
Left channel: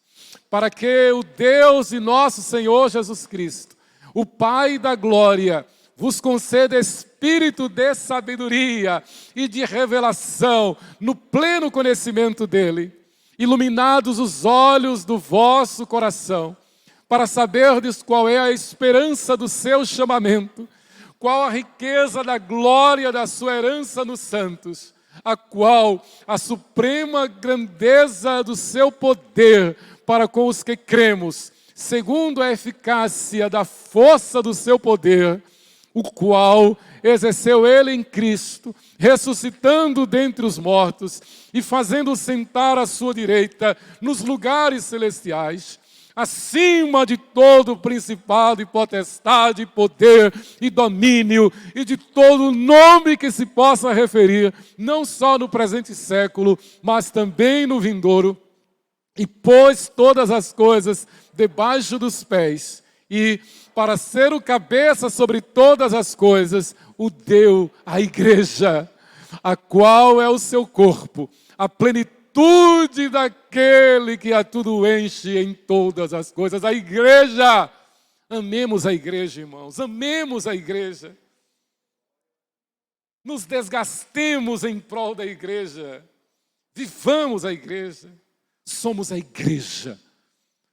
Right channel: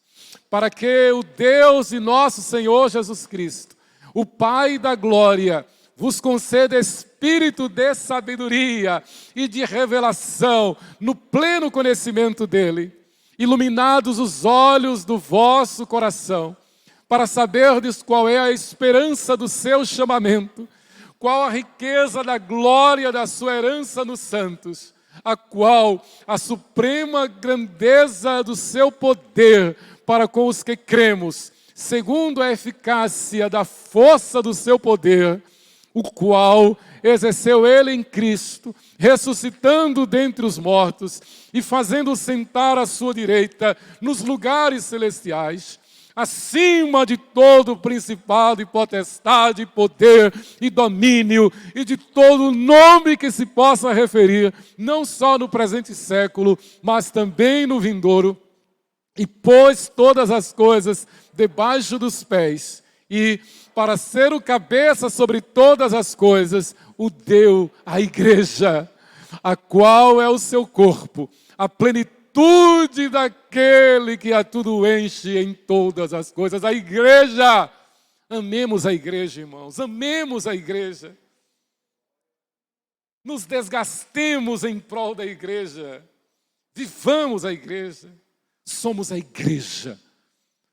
para que o Deus e nosso Senhor Jesus Cristo, o Pai da glória, vos conceda espírito de sabedoria e de revelação no pleno conhecimento dele, iluminados os olhos do vosso coração, para saberdes qual é a esperança do seu chamamento, qual a riqueza da glória da sua herança nos santos, a qual a suprema grandeza do seu poder para com os que cremos, segundo a eficácia da força do seu poder, o qual exerceu ele em Cristo, ressuscitando dentre os mortos e fazendo sentar à sua direita nos lugares celestiais, acima de todo principado e potestade, e poder e domínio, e de todo nome que se possa referir, não só no presente século, mas também no vindouro, e pôs todas as coisas debaixo dos pés, e para ser o cabeça sobre todas as coisas, o deu à igreja, a qual é o seu corpo, a plenitude daquele que a tudo enche em todas as coisas. A igreja, amemos a igreja, irmãos, amemos a igreja. Nos desgastemos em prol da igreja, vivamos a igreja, somos a igreja.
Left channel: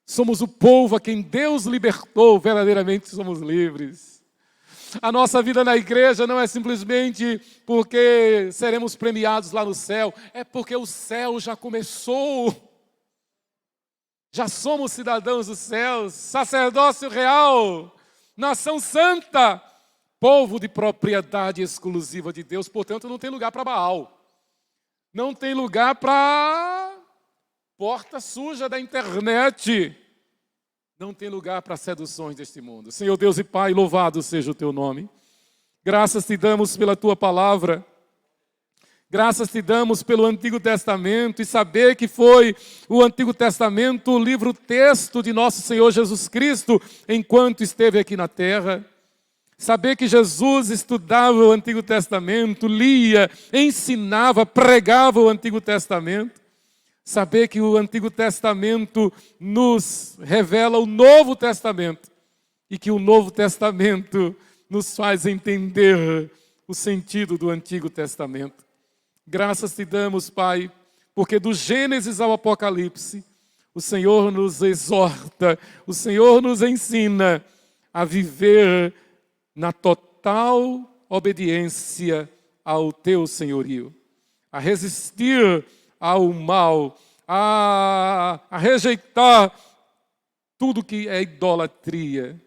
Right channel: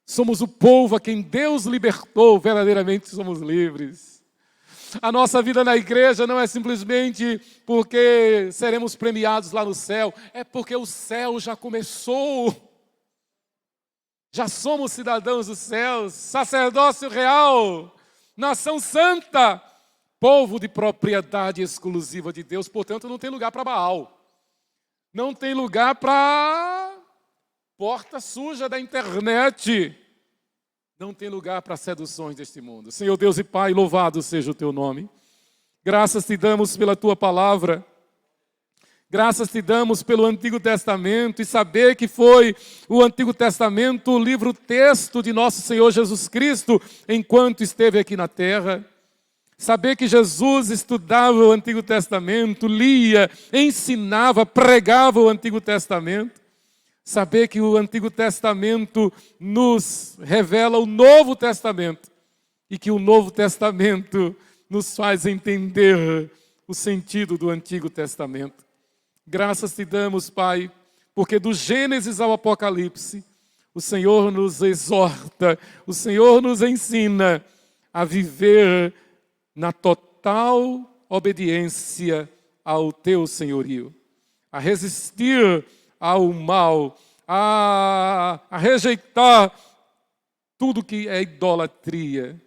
Somos o povo a quem Deus libertou, verdadeiramente somos livres. A nossa vida na igreja não é simplesmente porque seremos premiados lá no céu, é porque o céu já começou. Já somos cidadãos dos céus, sacerdócio real, nação santa, povo de propriedade exclusiva de Deus, portanto não tem lugar para Baal. Não tem lugar para porta suja da internet. Não tem lugar para seduções deste mundo. Senhor Deus e Pai, louvado seja o teu nome. Graças te damos pela tua palavra. Graças te damos pelo Antigo Testamento e saber que foi o Antigo Testamento o livro-texto de nosso Senhor Jesus Cristo enquanto esteve aqui na terra. Saber que Jesus estudava o Antigo Testamento, lia, ensinava, pregava o Antigo Testamento. Saber que o Antigo Testamento nos revela o Novo Testamento e que o Novo Testamento nos faz entender o sentido do Antigo Testamento. Graças te damos, Pai, porque do Gênesis ao Apocalipse, o Senhor nos exorta, o Senhor nos ensina a viver na total obediência ao teu senhorio, a resistir ao mal, a rejeitar tudo que é idolatria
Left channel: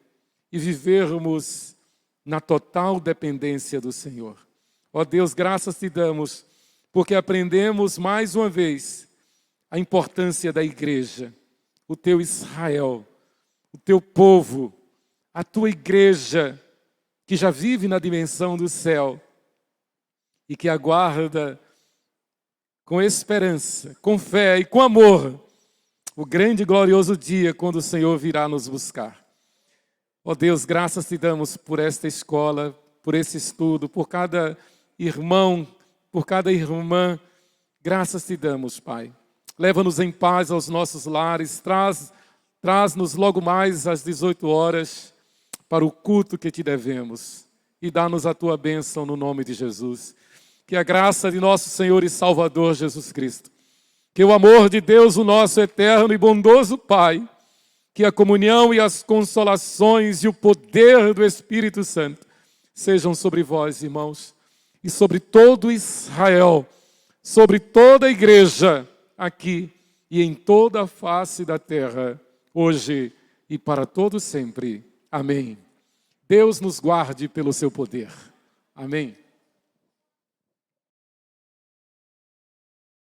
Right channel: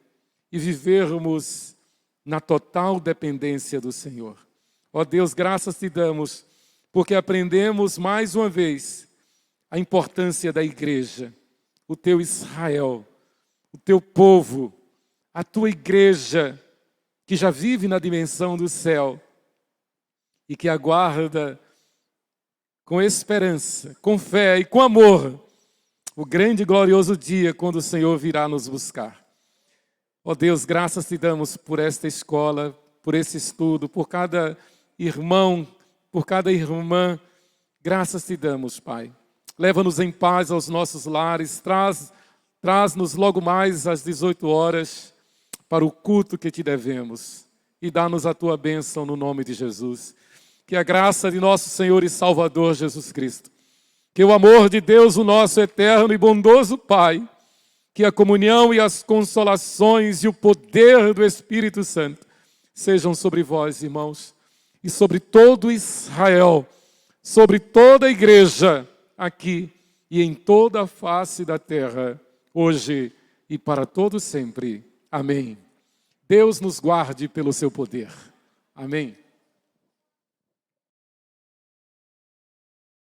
e vivermos na total dependência do Senhor. Ó Deus, graças te damos, porque aprendemos mais uma vez a importância da igreja, o teu Israel, o teu povo, a tua igreja que já vive na dimensão do céu e que aguarda com esperança, com fé e com amor, o grande e glorioso dia quando o Senhor virá nos buscar. Ó Deus, graças te damos por esta escola, por esse estudo, por cada irmão, por cada irmã. Graças te damos, Pai. Leva-nos em paz aos nossos lares, traz-nos logo mais às 18 horas para o culto que te devemos e dá-nos a tua bênção no nome de Jesus. Que a graça de nosso Senhor e Salvador Jesus Cristo, que o amor de Deus, o nosso eterno e bondoso Pai, que a comunhão e as consolações e o poder do Espírito Santo sejam sobre vós, irmãos, e sobre todo Israel, sobre toda a igreja aqui e em toda a face da terra, hoje e para todo sempre. Amém. Deus nos guarde pelo seu poder. Amém.